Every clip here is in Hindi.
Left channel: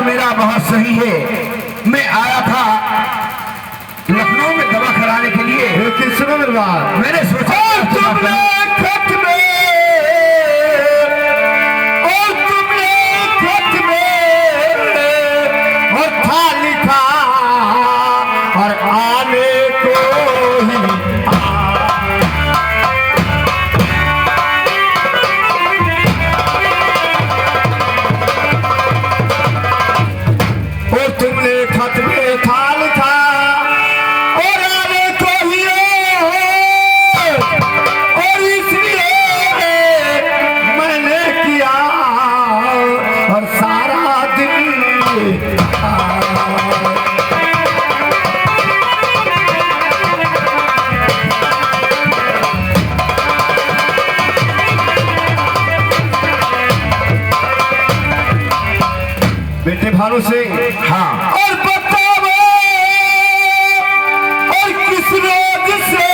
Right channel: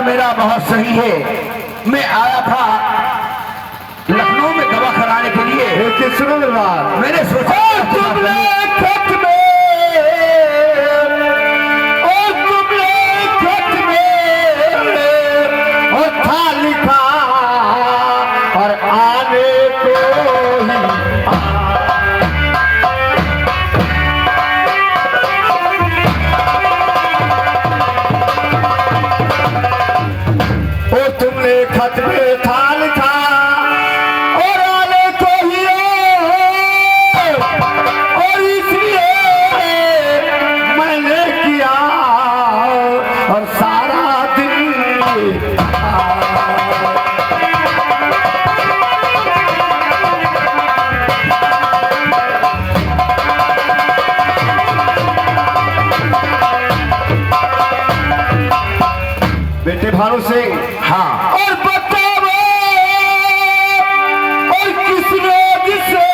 विचार मेरा बहुत सही है। मैं आया था लखनऊ में दवा कराने के लिए। किसने दरबार मैंने सोचा तुमने खत में और था लिखा और आने को ही और तुमने खत में था लिखा और आने को ही और इसलिए मैंने किया और सारा दिन बेटे भानु सिंह। हाँ, और बताओ और किस रोज से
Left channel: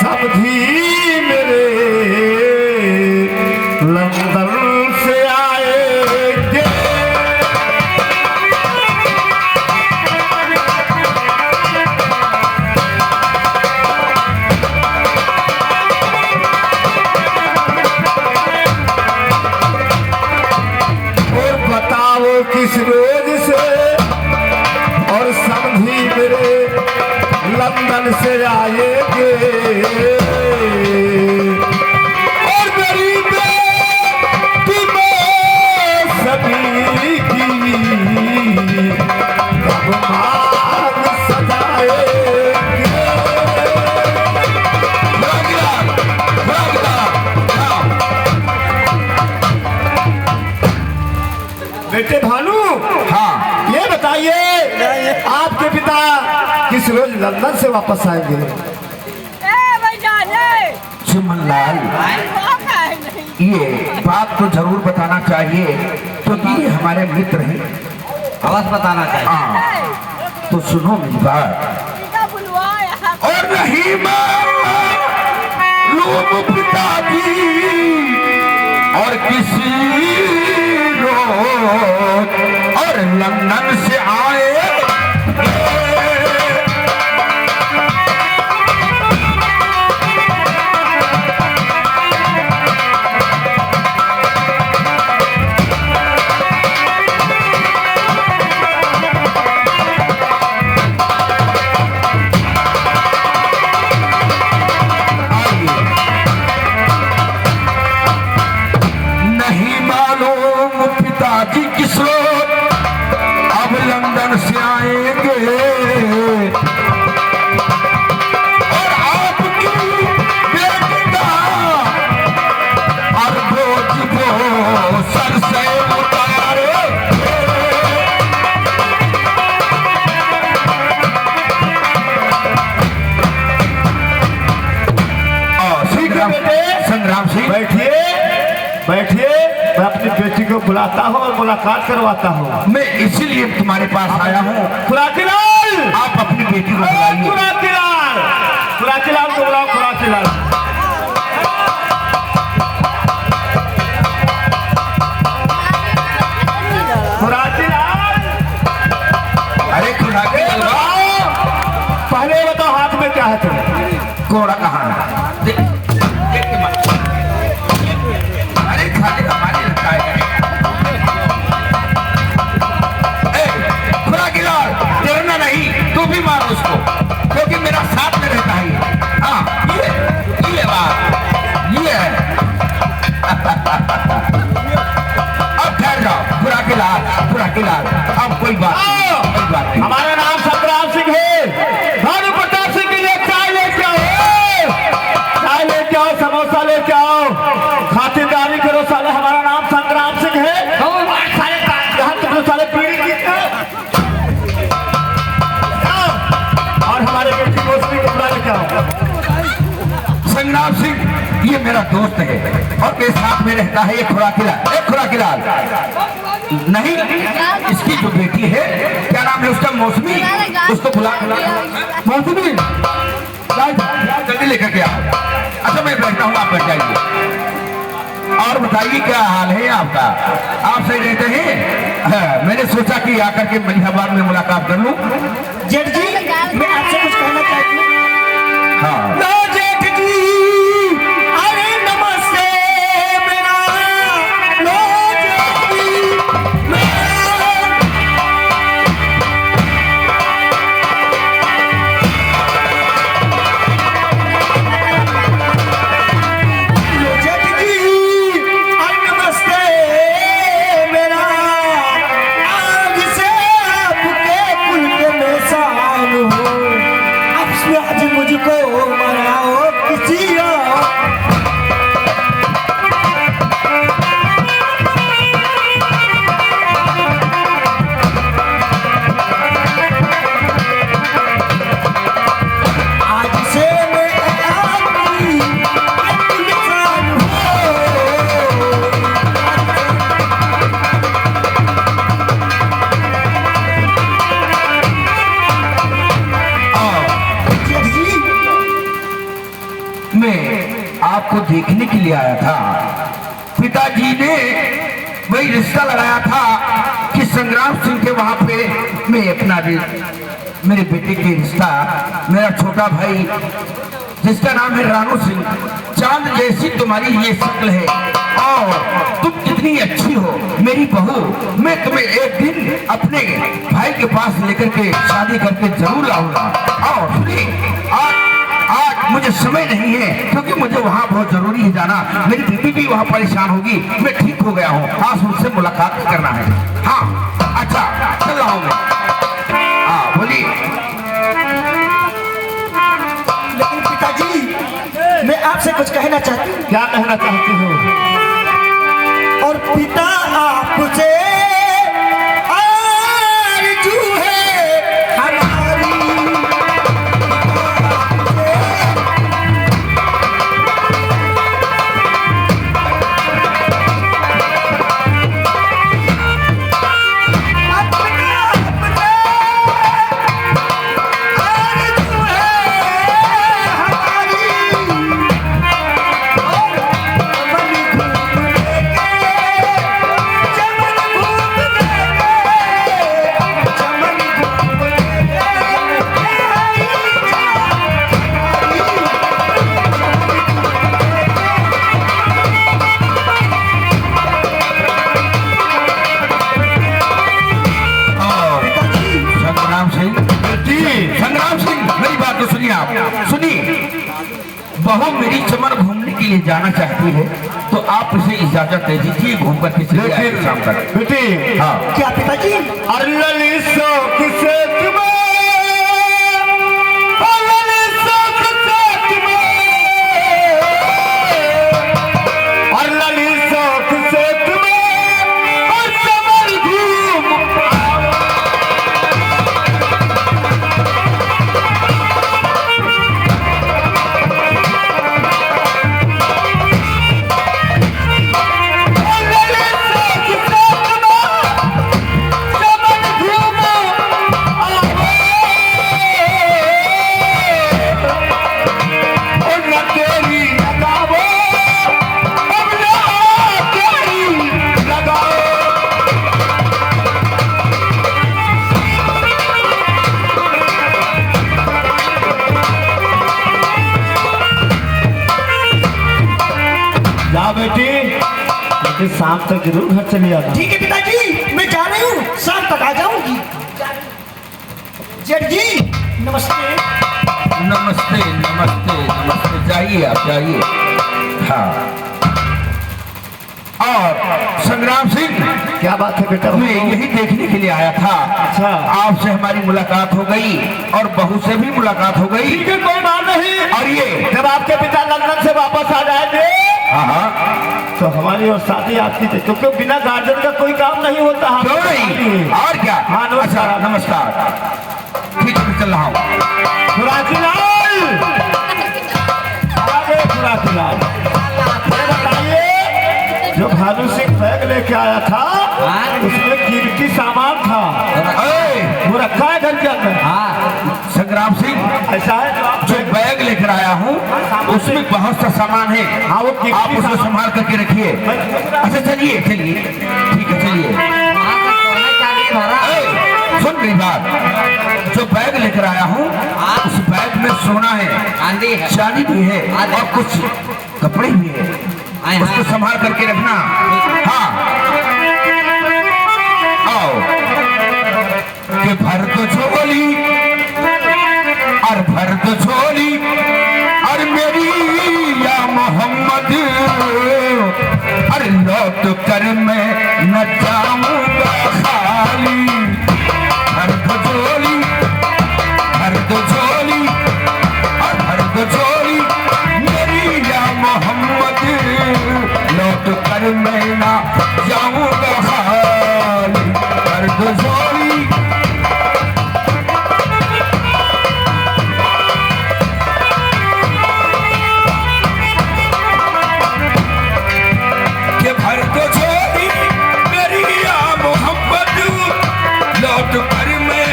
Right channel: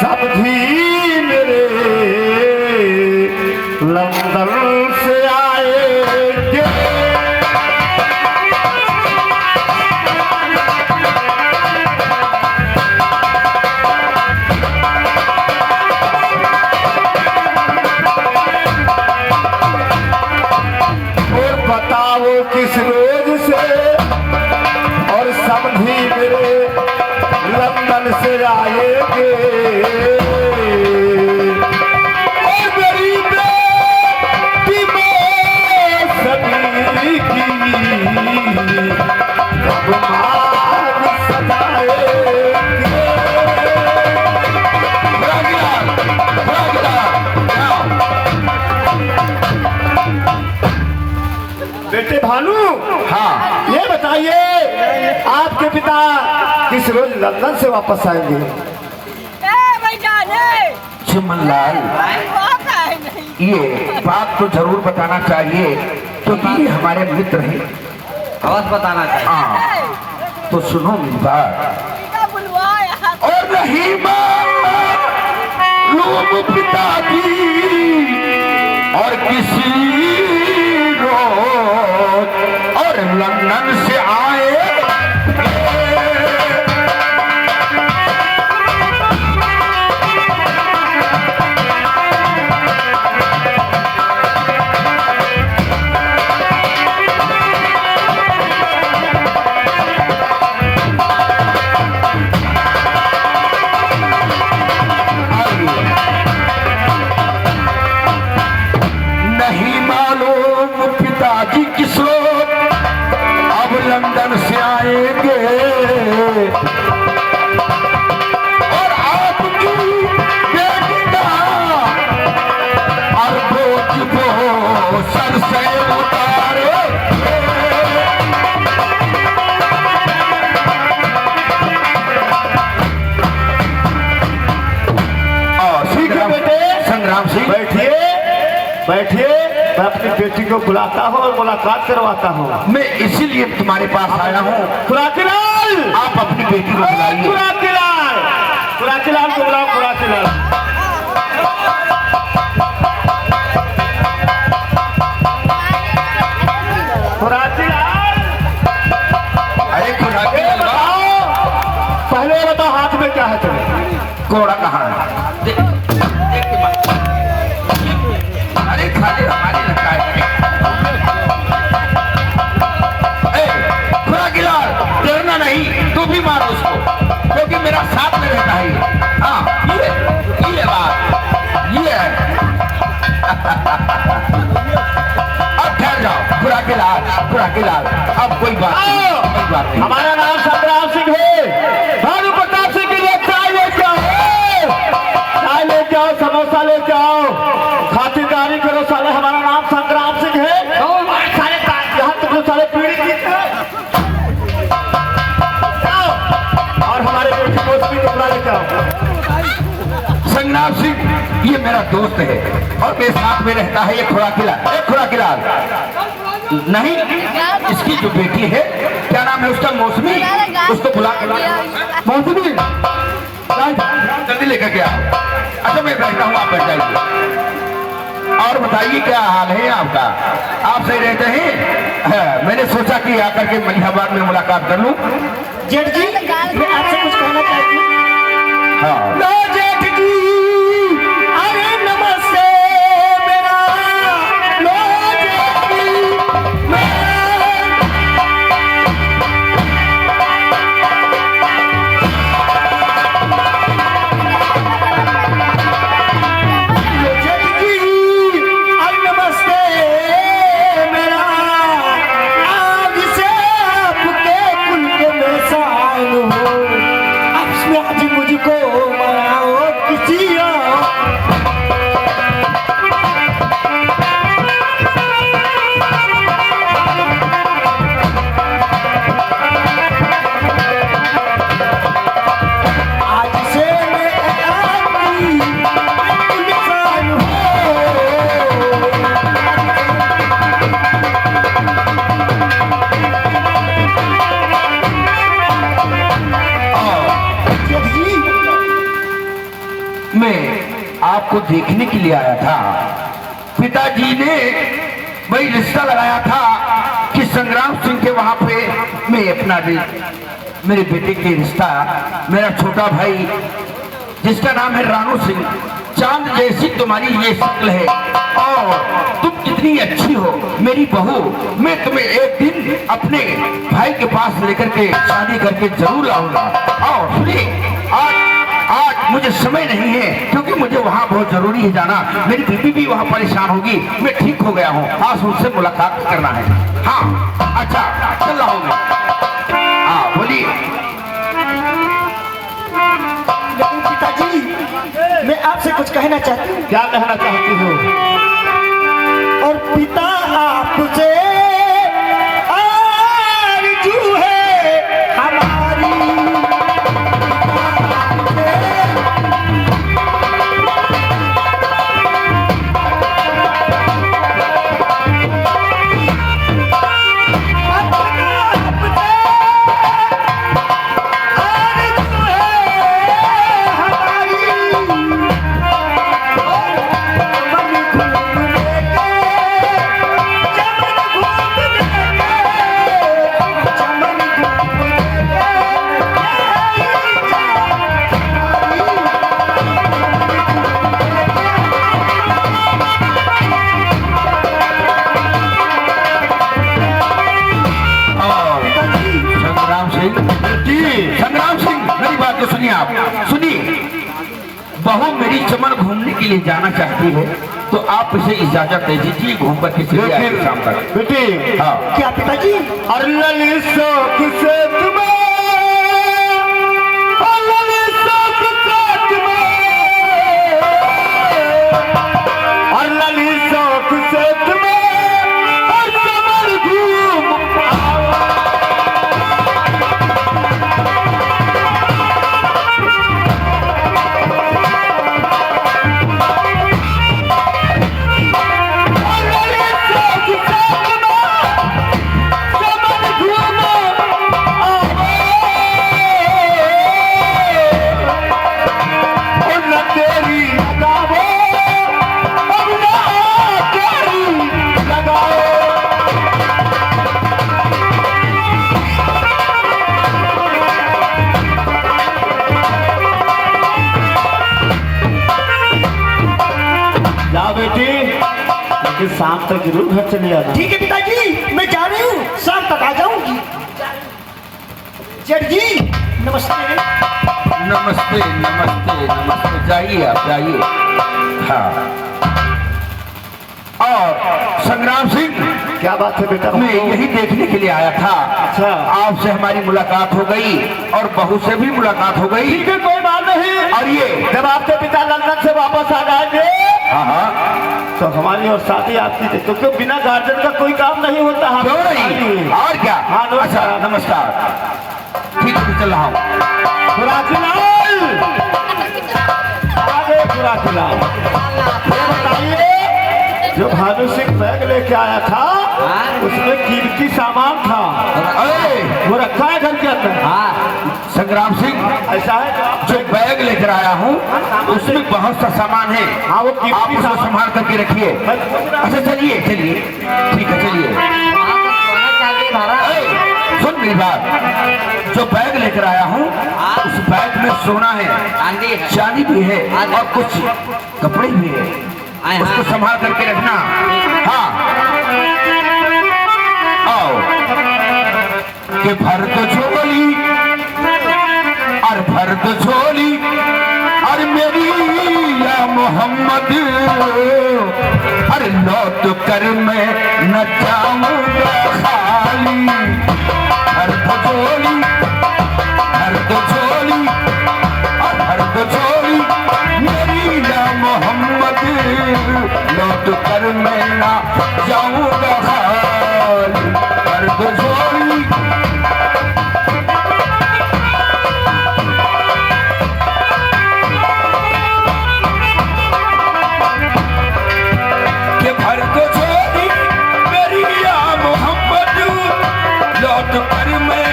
समझी मेरे लंदन से आएंगे। और बताओ किस रोज से और समझी मेरे लंदन से आएंगे। और गरीब सभी की कब मांग सजाएंगे। बेटे भानु, हाँ, ये बताइए आपके पिता किस रोज लंदन से वापस आएंगे? सुमन लाल, ये बात तो जरूर बताना चाहिए क्योंकि ये हमारे मित्र हैं। अवश्य बताना चाहिए। हाँ, तो सुनो मेरी बात। और नहीं मालूम पिताजी और किसी और लंदन से आए नहीं मालूम पिताजी किस रोज अब लंदन से आएंगे। और आपकी बेटी का और वो सर से उतारे। ठीक है बेटे, संग्राम सिंह, बैठिए बैठिए। मैं अपनी बेटी को बुलाता हूँ और मुलाकात करवाता हूँ। मैं इसीलिए तुम्हारे पास आया हूँ। खुराकीलाल, आप अपनी बेटी को बुलाइए। खुराकीलाल, खुराकीलाल को बुलाओ। खुराकीलाल, खुराकीलाल, अरे खुराकी पहले बताओ हाथ में क्या है तुम्हें? कोड़ा कहाँ है? अरे खाली हमारी रखा है। खुराकीलाल, डरना नहीं, तू भी मार उसको क्योंकि मेरा साथ में रहता है। हाँ, ये बात ये है। अब ठहर जाओ खुराकीलाल, अब कोई बात नहीं। हमारा नाम संग्राम सिंह है। भानु प्रताप सिंह के लिए चाय लेके आओ, चाय लेके आओ, समोसा लेके आओ, खातिरदारी करो साले। हमारा नाम संग्राम सिंह है। सारे यहाँ तुम लोग साले पीढ़ी की और हमारे बेटी दोस्ती को बुला लेके आओ। संग्राम सिंह ये मेरा दोस्त है और मेरे साथ में रहता है। ये खुराकीलाल नहीं, इसकी जो बेटी है, क्या नाम है उसका? मौसमी, उसको बुला कर मौसमी जल्दी लेकर के आओ। अच्छा मैं बैठता हूँ, आप बैठ जाइए। और बताइए क्या हाल है आपका? आप सही रहते हैं? मैंने सोचा कि आकर के मलिहाबाद में मुलाकात कर लूं। जेठ जी मैं आपसे कुछ कहना चाहती हूँ। हाँ लो जेठ जी, अरे नमस्ते मेरा लो जेठ जी, लो जेठ जी, अरे नमस्ते मेरा, आज से आपके कुल के मैं शान हूँ, अब से आज मुझको मनाओ किसी आज से मैं आपकी इंसान हूँ। जेठ जी मैं आपको देखने के लिए आया था। पिताजी ने वही रिश्ता लगाया था कि संग्राम सिंह के वहां पे मैं अपना मेरे बेटे के रिश्ता, मेरा छोटा भाई जिसका नाम है रानू सिंह, चांद जैसी तुम्हारी ये शक्ल है और तुम कितनी अच्छी हो मेरी बहू, मैं तुम्हें एक दिन अपने भाई के पास लेकर के शादी करके जरूर लाऊंगा। और सुनिए, आज मुझे समय नहीं है क्योंकि मुझे वहाँ बहुत जरूरी है जाना। मेरी बीवी भी वहाँ परेशान होगी। मैं ठीक हो गया हूँ, आज मुझसे मुलाकात करना है। हाँ अच्छा, चल रहा हूँ मैं। हाँ बोलिए। लेकिन पिताजी मैं आपसे कुछ कहना चाहती हूँ। क्या कहना चाहती हो? और पिता आपसे आरज़ू है हमारी, संग्राम सिंह मेरी बात तो सुनिए। आप सुनिए, बहू मेरी चमन घूमने के लिए जाना चाहती है तो आप इसे इजाजत दे दीजिए, घूम कर किसी शाम तक। बेटी हाँ क्या पिताजी? अल्लाह शौक से तुम्हें, अल्लाह शौक से तुम्हें, अल्लाह शौक से तुम्हें और चमन घूम बेटी, शाम तक जरूर घर चली जाना। ठीक है पिताजी, मैं जा रही हूँ, शाम तक आ जाऊंगी। जेठ जी नमस्ते। नमस्ते नमस्ते नमस्ते, जाइए आप जाइए। हाँ और संग्राम सिंह, क्या बात है बेटा? मैं यही देखने के लिए आया था। अच्छा, आपसे हमारी मुलाकात हो गई और बहू से भी मुलाकात हो गई। ठीक है, कोई बात नहीं। और ये जब आपके पिता लंदन से वापस आ जाएंगे हाँ तो हमारी और शादी आपकी थी, क्योंकि बिना गार्जियन का कोई काम नहीं होता। क्यों नहीं? और क्या? हाँ अच्छा नमस्कार। नमस्कार। ठीक है, चल रहा हूँ। खुराखीलाल, आगे खुराखीलाल, ये बताइए, जो भानु सिंह बैग लेके आया था उसमें कीमती सामान था, अरे वो रखा है घर के अंदर। संग्राम सिंह, ऐसा है? जो बैग लेकर आया हूँ उसमें बहुत सा सामान है। हाँ, वो आप कीमती उसको सामान संभाल करके रखिए। अच्छा चलिए चलिए, ठीक है चलिए। अगली बार जो बैग लेकर आया हूँ उस बैग में सोना है, चांदी है, चांदी भी है और कुछ कपड़े भी है, आए उसको हाँ। संभाल करके रखना। हाँ आओ कि भर दो झोली और भर दो झोली और मेरी या मोहम्मद, अरे लौट कर मैं न जाऊंगा खाली। भर दो झोली, भर दो झोली और भर दो झोली मेरी या मोहम्मद, लौट कर मैं न जाऊंगा खाली। भर दो झोली के भर दो झोली मेरी या मोहम्मद, लौट कर मैं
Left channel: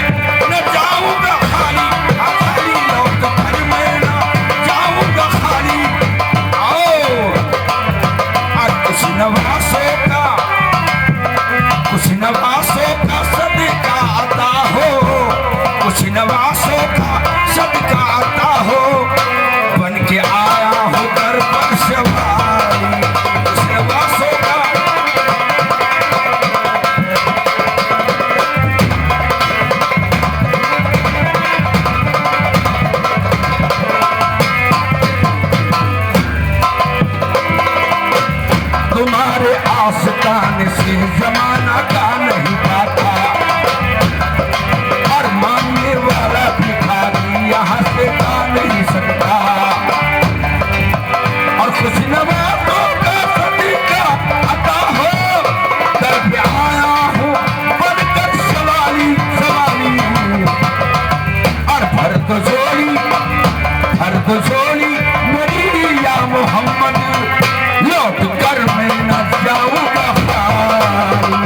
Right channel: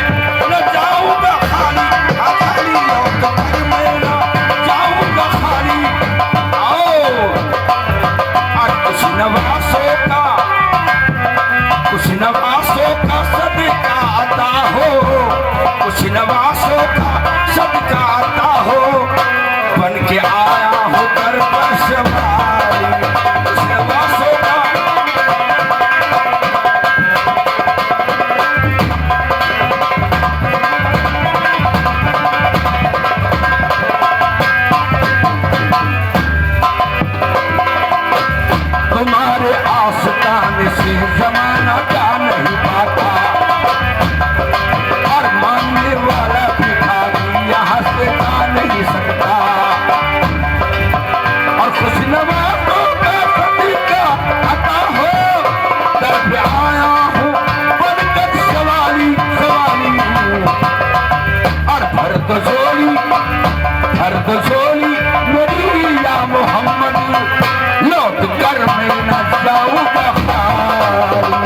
न जाऊंगा खाली। खाली लौट कर मैं न जाऊंगा खाली। आओ और कुछ नवासों का सदका आता हो, कुछ नवासों का सदका आता हो, बन के आया हो घर पर सवारी। कुछ नवासों का तुम्हारे आस्ताने से जमाना का नहीं पाता, और मांगने वाला भिखारी यहाँ से जा नहीं सकता। और कुछ नवाजों का सदका आता हो, दर पे आया हूँ बनकर सवारी सवारी। और भर दो झोली, भर दो झोली मेरी या मोहम्मद, लौट कर मैं न जाऊंगा खाली।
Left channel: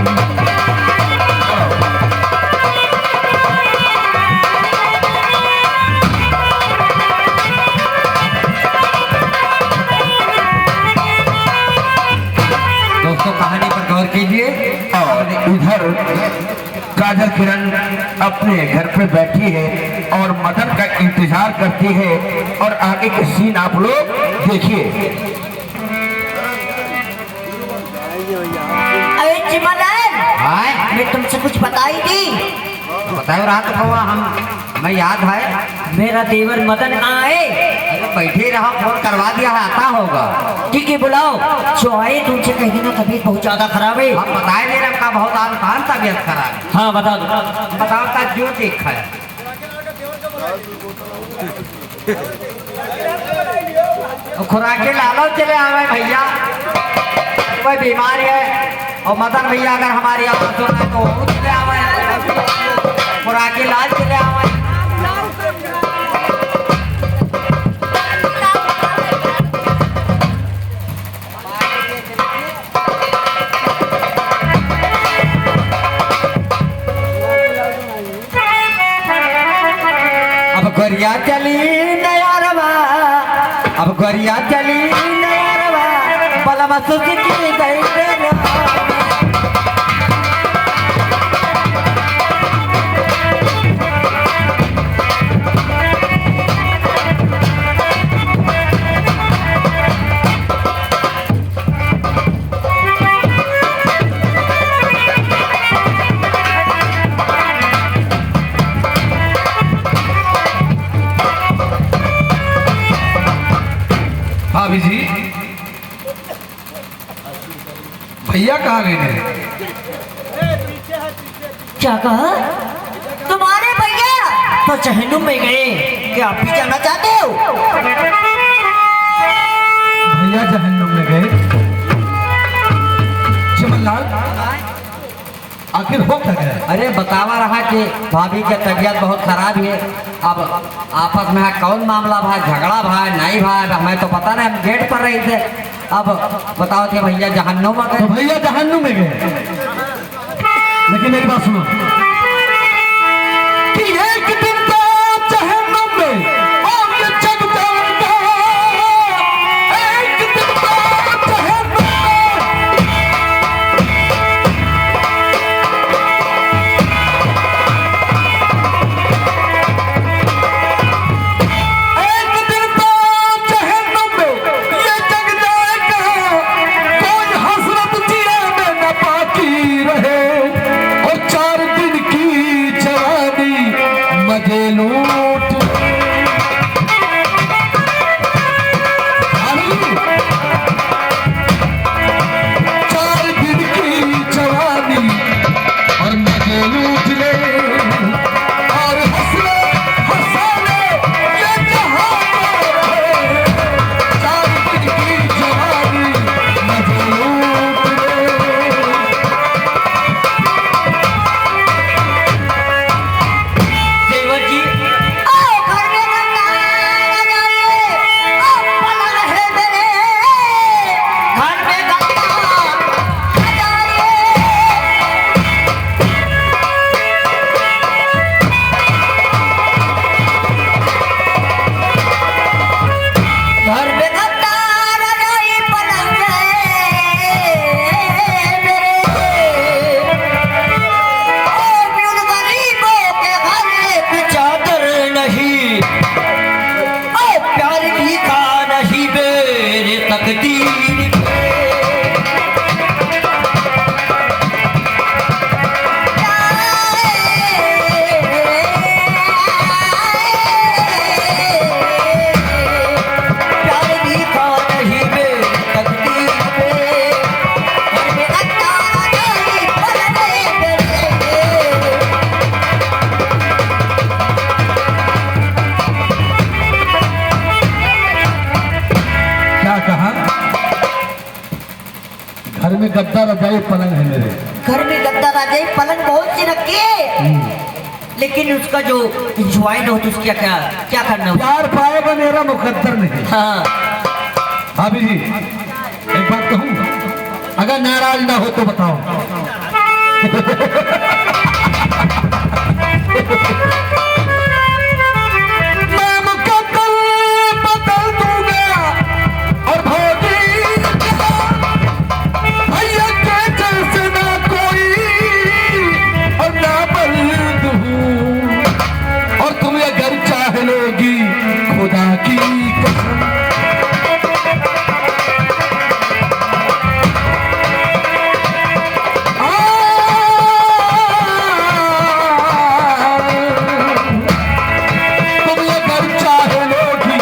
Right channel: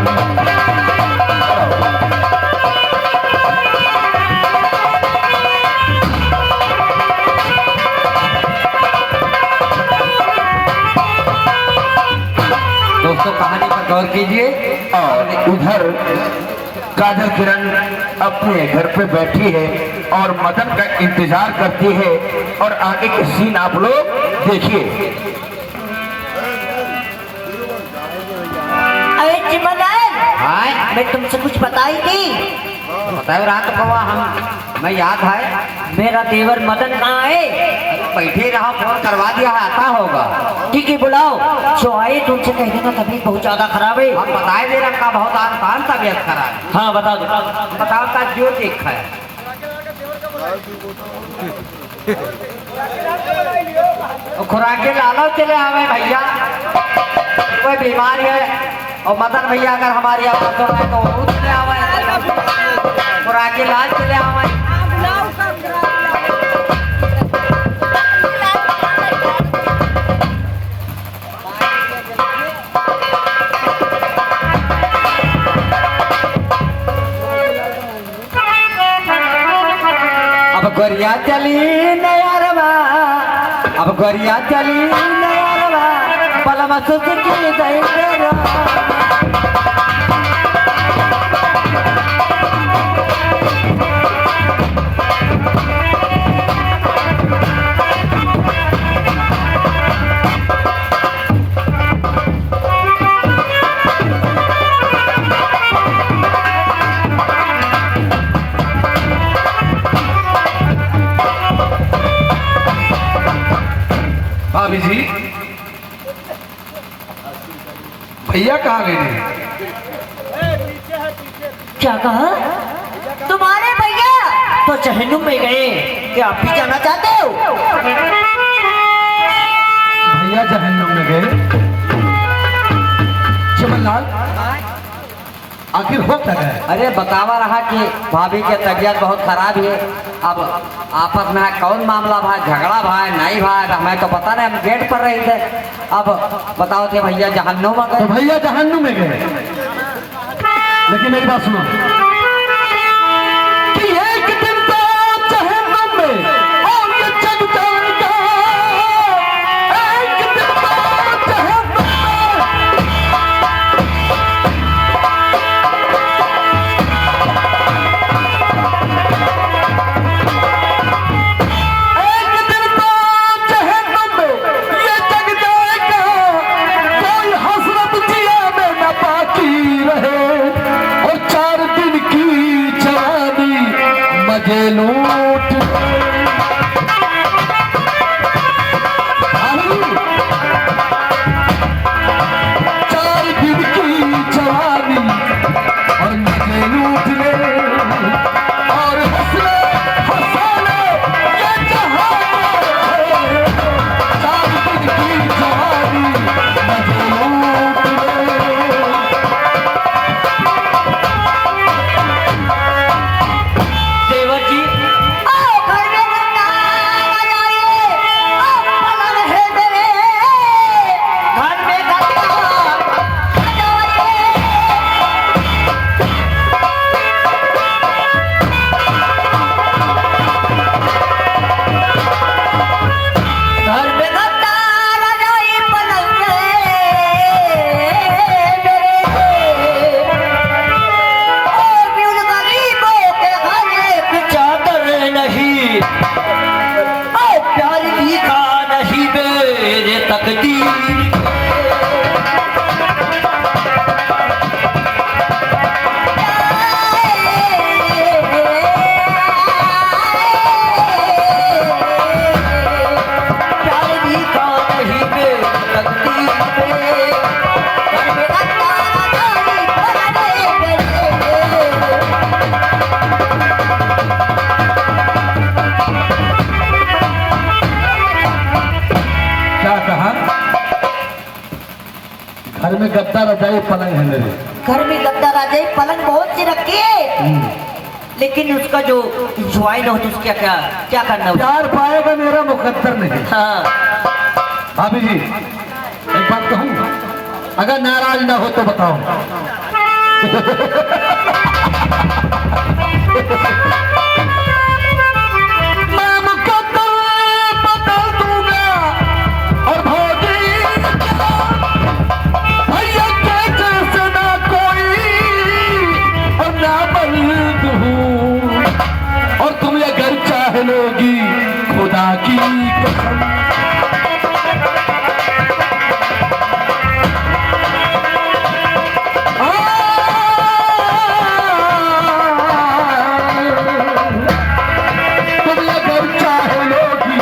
दोस्तों कहानी पर गौर कीजिए। और उधर काजल किरण अपने घर पे बैठी है और मदन का इंतजार करती है, और आगे के सीन आप लोग देखिए। अरे चिमनलाल, हाँ मैं तुमसे कुछ बताई थी। बताओ रात को हम मैं याद है, मेरा देवर मदन कहाँ है? बैठे रहा, फोन करवा दिया है, आता होगा। ठीक है बुलाओ। जो आए तुमसे कहेंगे ना तबीयत बहुत ज्यादा खराब है। हम बताए दे रहा का बहुत आसान तबियत खराब। हाँ बता दो। बताओ का जो देख है वो खुराके लालो चले आवे भैया, कोई बीमारी है और मदन भैया अगर हमारी आवाज सुन रहे तो वो खुद चले आवे, खुराके लाल चले आवे। अब गरिया चली नयारवा, अब गरिया चली नयारवा, बलमा सुसुकी गई भाभी जी, भैया कहाँ गए? क्या कहा? तुम्हारे भैया तो जहन्नुम में गए। क्या आप भी जाना चाहते हो? भैया जहन्नुम में गए। चमनलाल, आखिर हो क्या गया? अरे बतावा रहा कि भाभी की तबीयत बहुत खराब है। अब आपस में कौन मामला भाई, झगड़ा भाई नहीं भाई, हमें तो पता नहीं, हम गेट पर रहे थे। अब बताओ थे भैया जहन्नुम में तो गए। भैया जहन्नुम में गए, लेकिन मेरी बात सुनो कि एक दिन तो जहन्नुम में और ये जग जाएगा, एक दिन तो जहन्नुम में। राजाई पलंग है मेरे। घर में गद्दा राजाई पलंग बहुत सी रखी है, लेकिन उसका जो इंजॉय ना हो तो उसका क्या क्या करना हो? प्यार पाएगा मेरा मुकद्दर नहीं। हाँ भाभी जी एक बात कहूँ, अगर नाराज ना हो तो बताओ। मैं मुकद्दर बदल दूंगा और भोगी भैया के जैसे ना कोई और ना बल्द हूँ, और तुम ये घर चाह लोगी खुदा की कसम। तुम ये घर चाह लोगी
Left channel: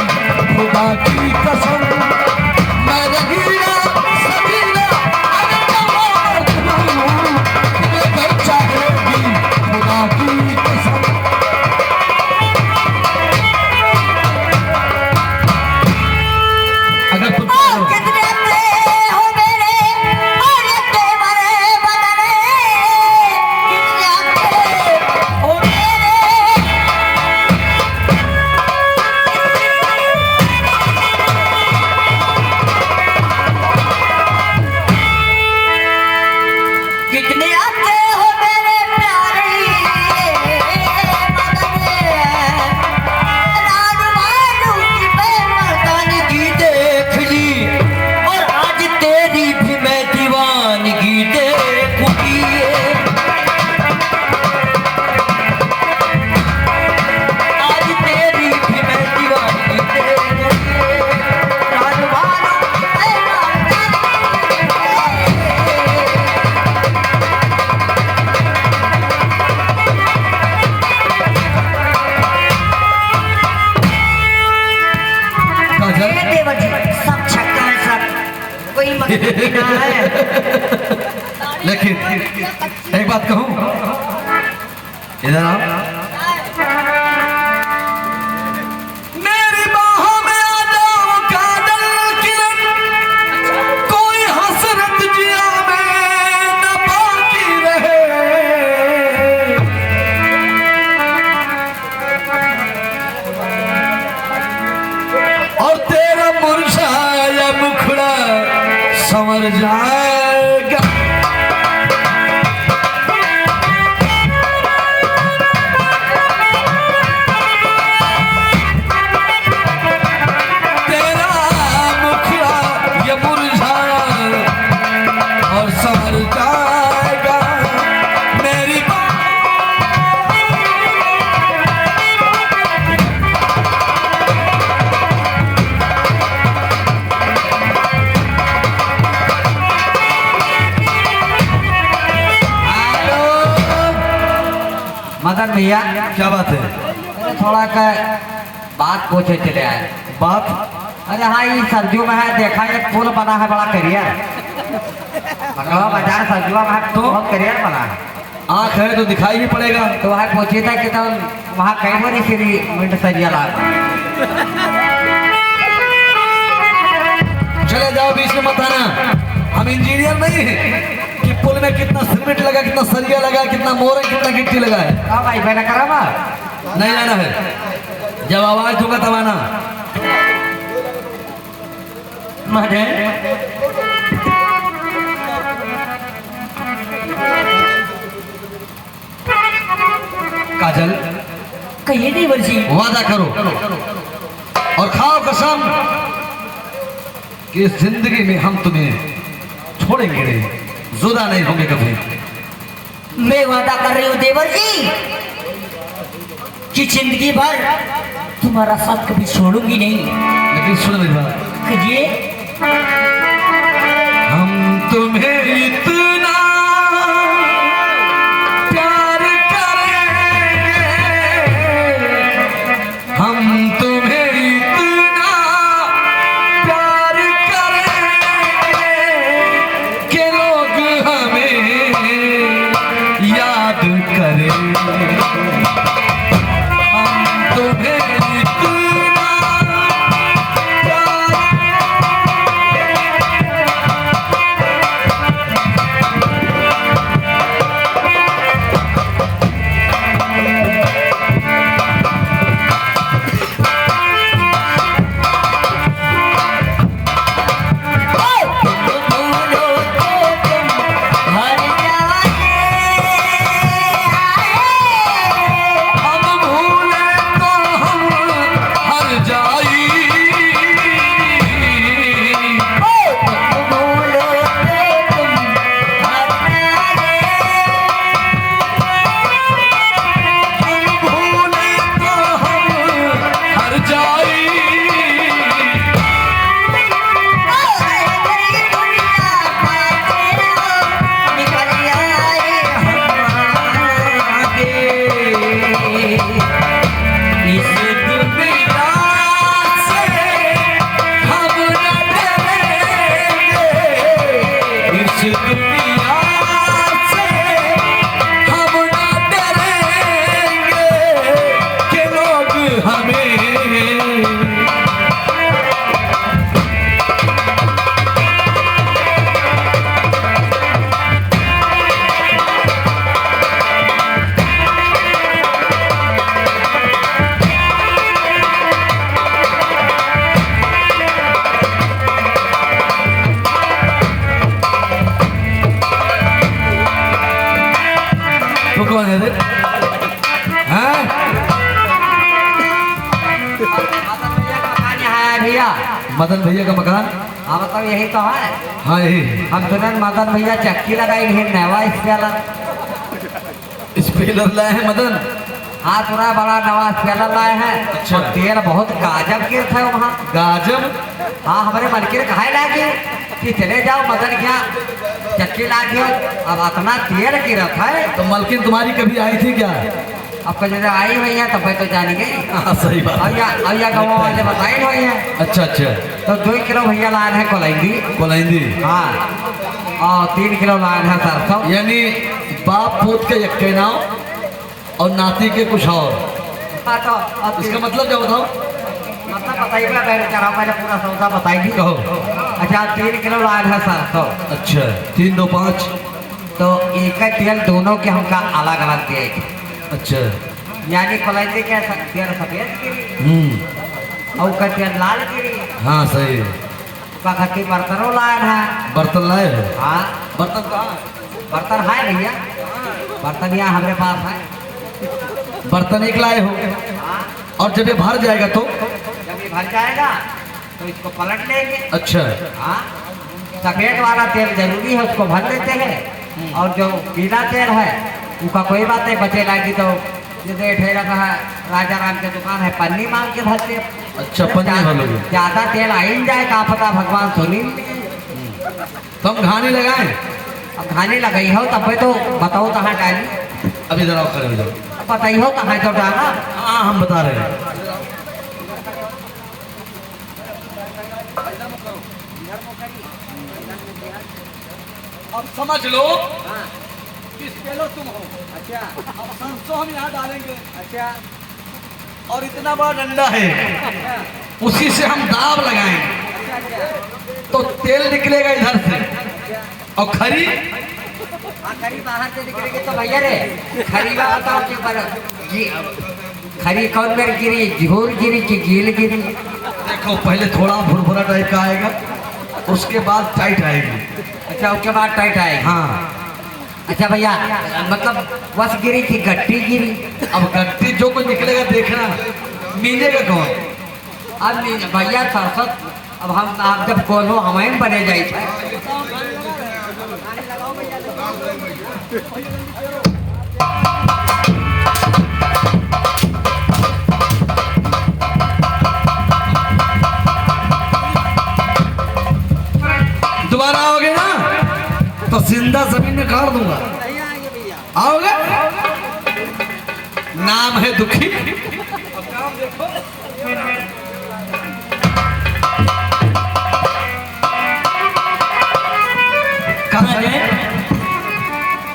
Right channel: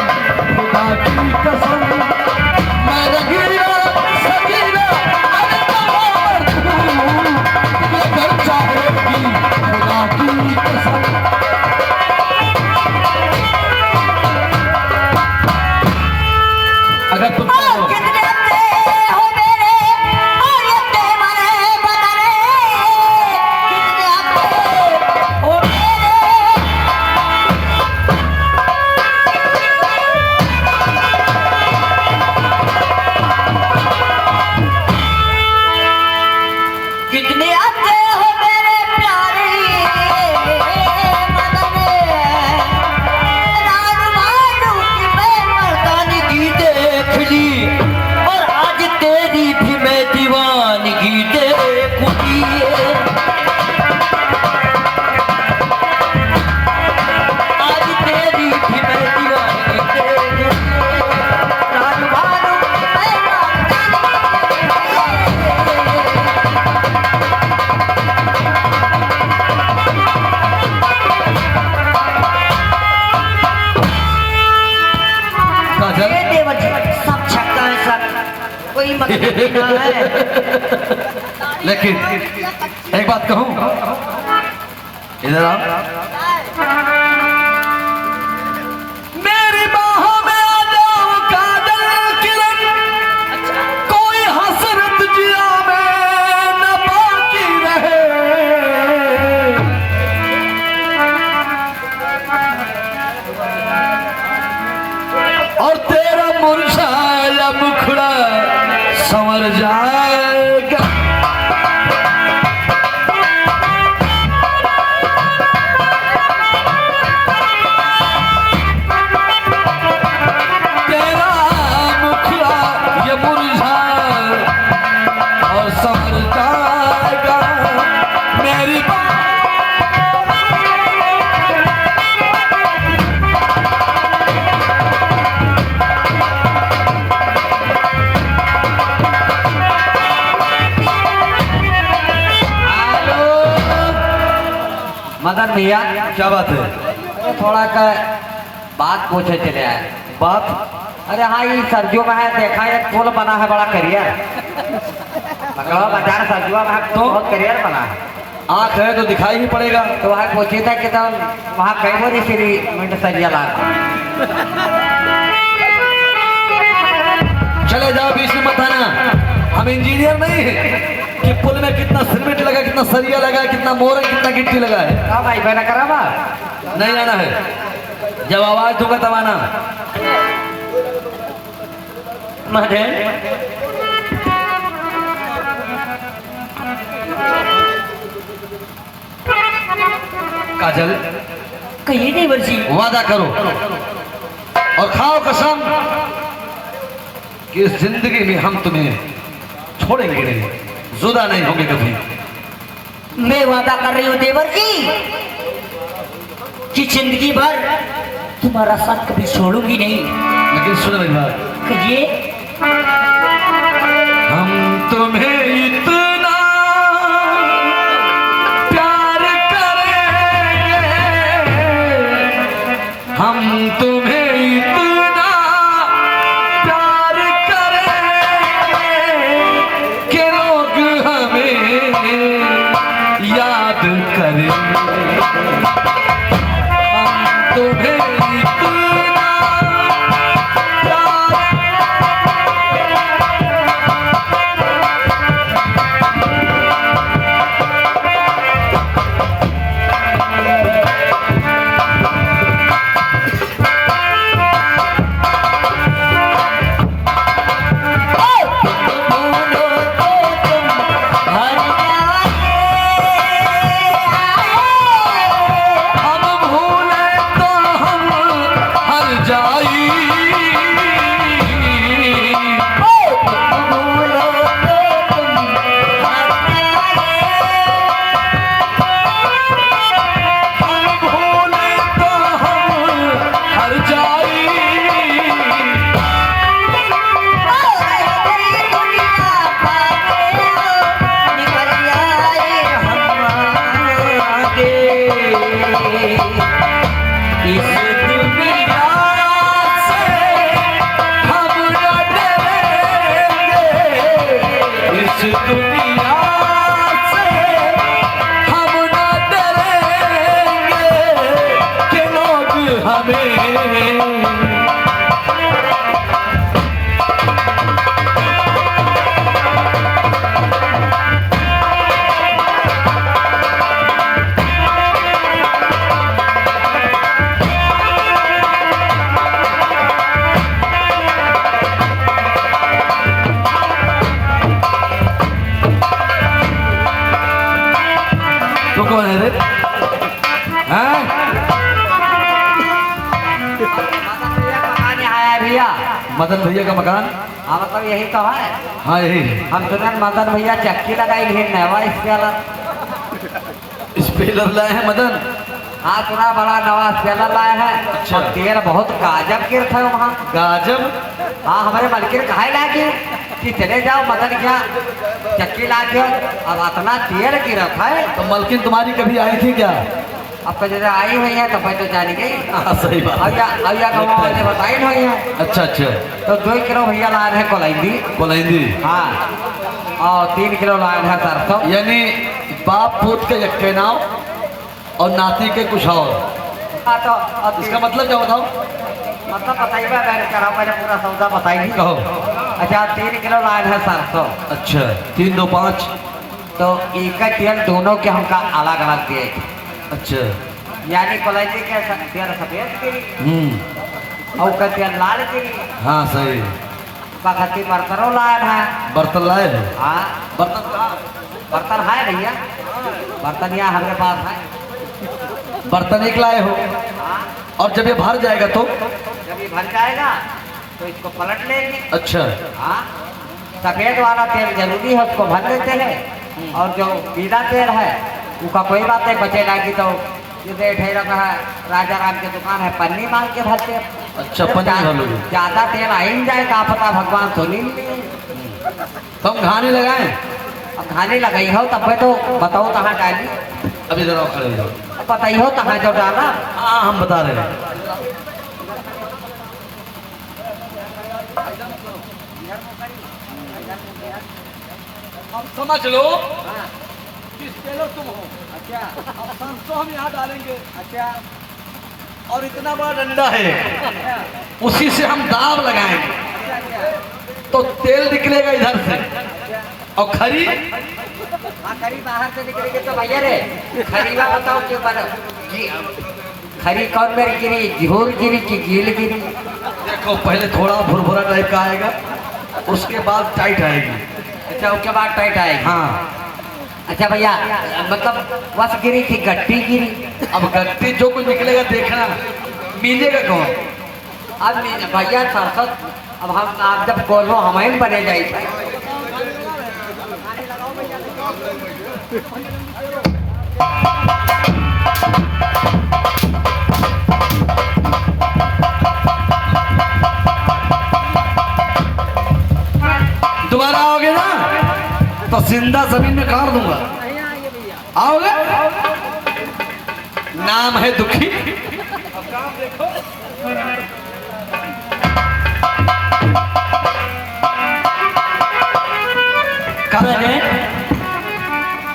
खुदा की कसम। मैं रंगीला सजीला तुम ये घर चाह लोगी खुदा की कसम। अगर तुम चाहो कितने अच्छे हो मेरे और लगते मरे बदले, कितने अच्छे हो मेरे। कितने अच्छे हो मेरे प्यारे बदले, रानू मानू की बेमर्दानगी देख ली, और आज तेरी भी मैं दीवानगी देखूंगी। आज तेरी भी मैं दीवानगी देखूंगी, रानू मानू की बेमर्दानगी। काजल, ये देवर जी सब छक्का है सब, कोई मतलब नहीं है। लेकिन एक बात कहूँ, इधर आओ। मेरी बाहों में आ जाओ काजल किरण, कोई हसरत जिया में न बाकी रहे। और तेरा मुरझाया मुखड़ा संवर जाएगा। तेरा मुखड़ा ये मुरझाए और संवर जाएगा। मेरी मदन भैया क्या बात है? अरे थोड़ा का बात पूछे चले आए। बात अरे हाँ ये सर्दियों में है, देखा है एक पुल बना है बड़ा करियर, मंगलवा बाजार सर्दियों में है, तो बहुत करियर बना है। आंख है तो दिखाई भी पड़ेगा। तो वहाँ पूछी था कि तुम वहाँ कहीं वो नहीं सीधी मिनट सरिया ला। चले जाओ, बीच में मत आना। हम इंजीनियर नहीं है कि पुल में कितना सीमेंट लगा, कितना सरिया लगा, कितना मोर, कितना गिट्टी लगा है। हाँ भाई मैंने करा बा। नहीं आना है, जब आवाज दूंगा तब आना। काजल, कहिए देवर जी। वादा करो और खाओ कसम कि इस जिंदगी में हम तुम्हें छोड़ेंगे नहीं, जुदा नहीं होंगे कभी। मैं वादा कर रही हूँ देवर जी कि जिंदगी भर तुम्हारा साथ कभी छोड़ूंगी नहीं। लेकिन सुनो मेरी बात, कहिए। हम तुम्हें इतना प्यार करेंगे, हम तुम्हें इतना प्यार करेंगे कि लोग हमें याद करेंगे। हम तुम्हें इतना प्यार तो कौन है रे? हैं? मदन भैया का मकान यहाँ है भैया। मदन भैया का मकान? हाँ मतलब यही तो है। हाँ यही। हम सुने मदन भैया चक्की लगाई है नवा स्पेलर। स्पेलर लाए हैं मदन? हाँ सुना बड़ा नवा स्पेलर लाए हैं। अच्छा। और तेल बहुत गाजब गिर था वहाँ। गाजब? हाँ हमारे मलकिन कहा लागे कि चले जाओ मदन क्या चक्की ला के अब इतना तेल गिरा था। तो मलकिन तुम्हारी कभी आई थी क्या? आपका जैसे आई हुई है तो मैं तो जान गई। हाँ सही बात। अया गाँव में जब बताई हुई है अच्छा अच्छा। तो 2 किलो भैया लाए हैं कोलैंडी। कोलैंडी? हाँ और 3 किलो लाए हैं सरसों। यानी बाप पोत के यक्के नाव और नाती के कुछ और। हाँ तो इसका मतलब क्या बताओ? मतलब बताइएगा मैं करा मैंने पूरा सौदा बताई कहो। अच्छा 3 किलो लाए हैं सरसों। अच्छा 3 2 5। तो एक का तेल दोनों के हमका अलग अलग दिए थे। अच्छा। यानी कोलैंडी के तेल सफेद गिरी और का तेल लाल गिरी। हाँ सही। खट्टी बर्तनों लाए हैं। बर्तन लाए हैं? हाँ बर्तन कहाँ? बर्तन है भैया। बर्तन यहाँ हमारे पास है। बर्तन एक लाए हो और जब ये भर जाएगा तो? जब ये भर जाएगा तो इसको पलट लेंगे। अच्छा। हाँ सफेद वाला तेल जरूरी है उसको भर लेते हैं और जो पीला तेल है उसका कोई बात नहीं बचे रहेगी तो जैसे ठहरा है राजा राम की दुकान है पन्नी माल के भरते। अच्छा पन्नी भर लोगे? ज्यादा तेल आ ही जाए क्या पता भगवान सुनी। तो हम घाने लगाए? अब खाने लगाई हो तब तो बताओ कहाँ डाली। अब इधर आओ खड़े हो जाओ। बताई हो कहाँ जो डाला। हाँ हम बता रहे हैं। अब समझ लो किस पेलो तुम हो। अच्छा अब सरसों हम यहाँ डालेंगे अच्छा और इतना बड़ा डंडा है उसी से हम दाब लगाएंगे अच्छा तो तेल निकलेगा इधर से। अच्छा और खरी? हाँ खरी बाहर से निकलेगी तो भैया रे खरी बात बताओ कि खरी कौन मेरी गिरी झोल गिरी कि गील गिरी। देखो पहले थोड़ा भुरभुरा टाइप का आएगा उसके बाद टाइट आएगी। अच्छा उसके बाद टाइट आएगी। हाँ। अच्छा भैया मतलब बस गिरी थी गट्टी गिरी। अब गट्टी जो कुछ निकलेगा देखना मीनेगा कौन? अब भैया सरसों अब हम आप जब कोलो हमें बने जाए। दोबारा आओगे ना तो जिंदा जमीन में गाड़ दूंगा। आओगे? नाम है दुखी। अब काम देखो।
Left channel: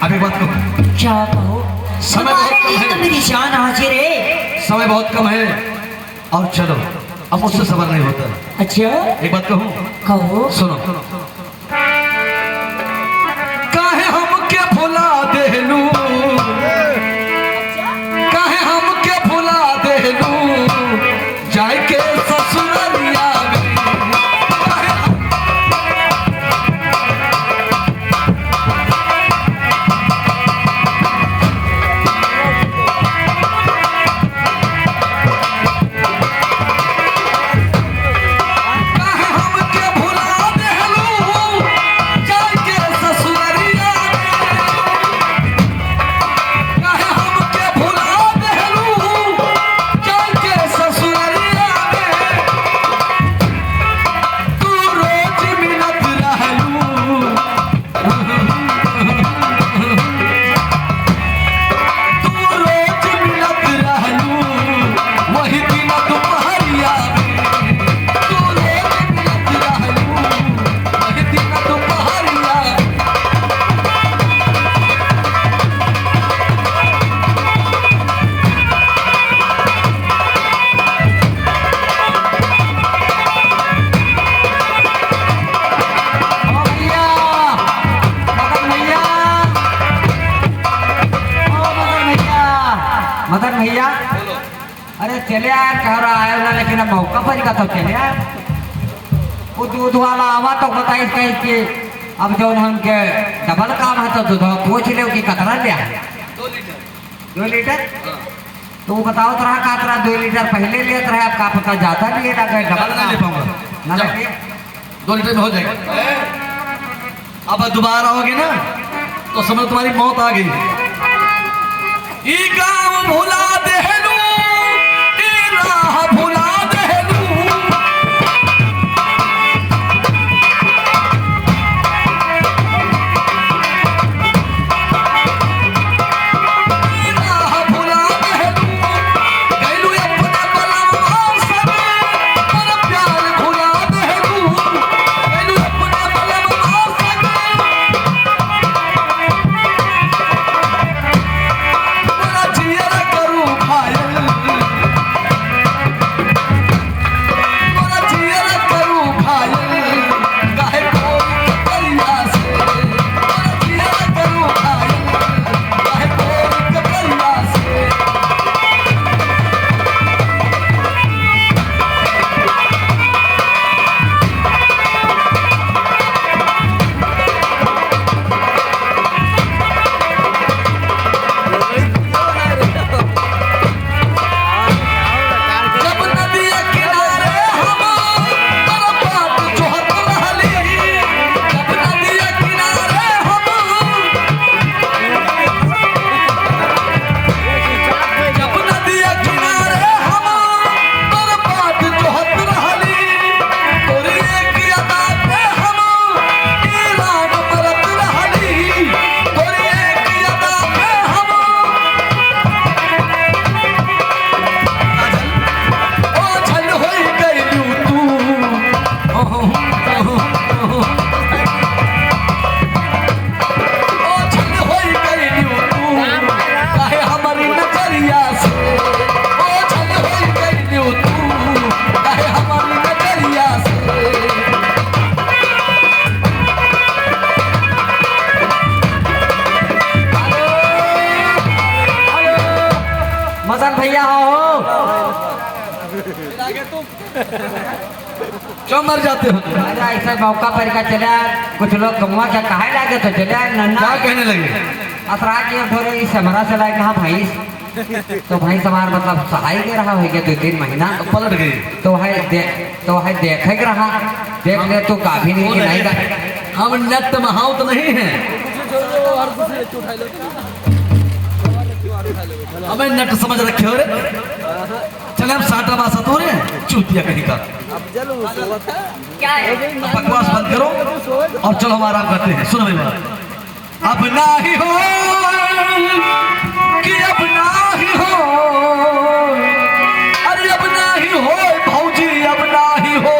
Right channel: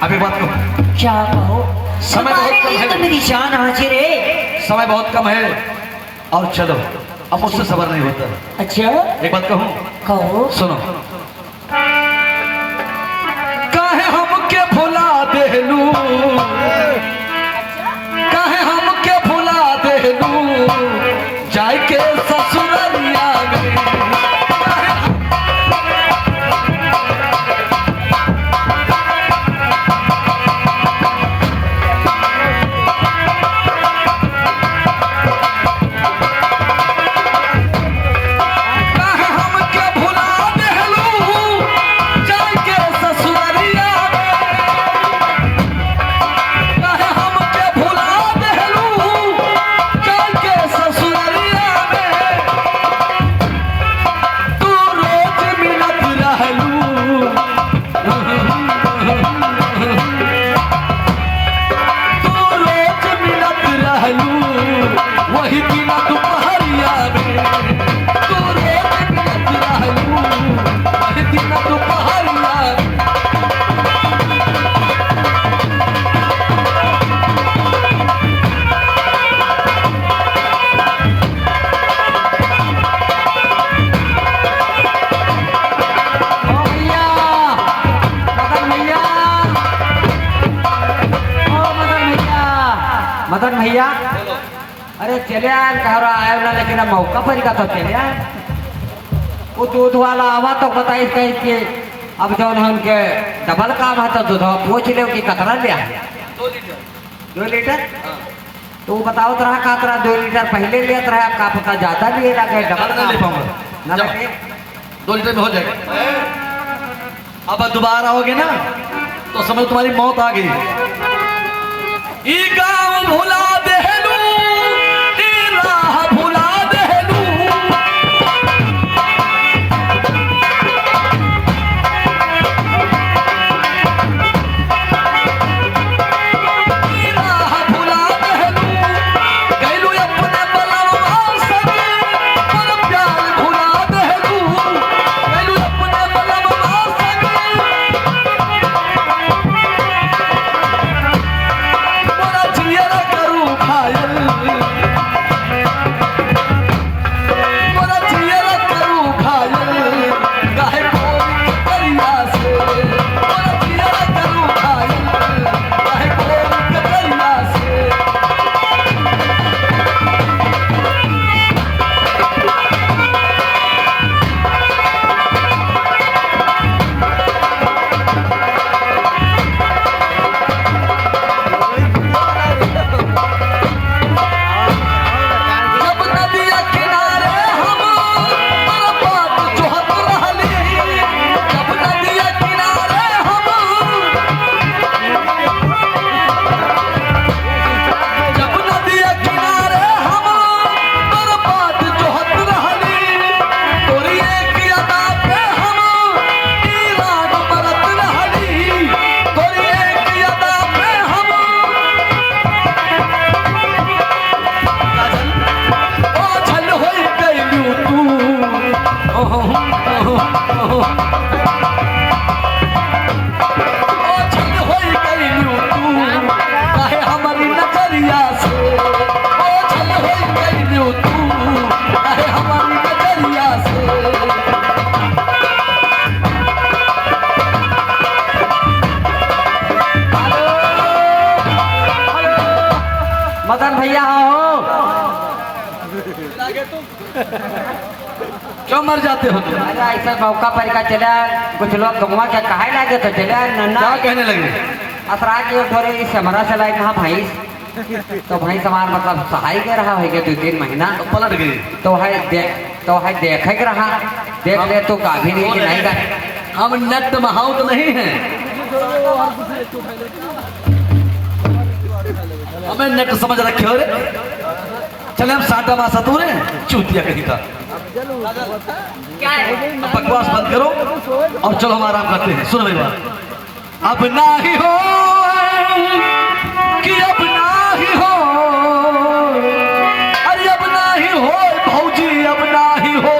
अभी बात करो। क्या कहो? समय बहुत तुम्हारे कम लिए है। तो मेरी जान हाजिर है। समय बहुत कम है और चलो अब मुझसे सबर नहीं होता। अच्छा एक बात कहूँ? कहो। सुनो। काहे हमके भुला देलू, काहे हमके भुला देलू जाय के ससुरलिया में। काहे हमके भुला देलू जाय के ससुरलिया में। काहे हमके भुला देलू जाय के ससुरलिया में। तू रोज मिलत रहलू, तू रोज मिलत रहलू वही दिन दोपहरिया में। तू रोज मिलत रहलू वही दिन दोपहरिया में। ओ भैया मदन भैया ओ मदन भैया मदन भैया अरे चले यार कह रहा आए ना लेकिन अब मौका पर का तो चले यार। वो दूध वाला आवा तो बताइए कहीं कि अब जो उनके डबल काम है तो दूध पूछ ले कि कतरा लिया। 2 लीटर तो वो बताओ तो रहा का तरह 2 लीटर पहले लिया रहा आपका पता ज्यादा लिए ना गए डबल नहीं ले पाऊंगा ना लगे 2 लीटर में हो जाएगा। अब दोबारा आओगे ना तो समझ तुम्हारी मौत आ गई। ई गाँव भुला देलू, ई राह भुला देलू, ई राह भुला देलू, गइलू अपने बलवा संग, पर प्यार भुला देलू, गइलू अपने बलवा संग, मोरा जियरा करू घायल, मोरा जियरा करू घायल, काहे कोरी के करिया से, मोरा जियरा करू घायल, काहे कोरी के करिया से। जब नदिया किनारे हम बात जोहत रहली, जब नदिया किनारे हम, जब नदिया किनारे हम बात जोहत रहली, तोरी एक अदा पे हम ईरान बरत रहली, तोरी एक अदा पे हम ओझल होई गइलू तू, ओझल होई गइलू तू, काहे हमरी नजरिया से, ओझल होई गइलू तू, काहे हमरी नजरिया से। मदन भैया हो क्यों मर जाते हो तुम? ऐसे मौका पर का चला कुछ लोग गमुआ के कहे लागे तो चले नन्ना क्या कहने लगे? असरा की थोड़ी इस समरा से लाए कहा भैंस तो भैंस हमार मतलब सहाय के रहा होगा 2-3 महीना पलट गई। तो है देखे के रहा देख ले तो काफी नहीं कि नहीं रहा हम नेट महाऊ तो नहीं है, हमें नेट समझ रखे हो रे। चले हम साटा मासा तो रे चूतिया कहीं का क्या है बकवास बंद करो और चलो हम आराम करते हैं। सुनो मेरा, अब ना ही हो कि अब ना ही हो, अरे अब ना ही हो भौजी, अब ना ही हो,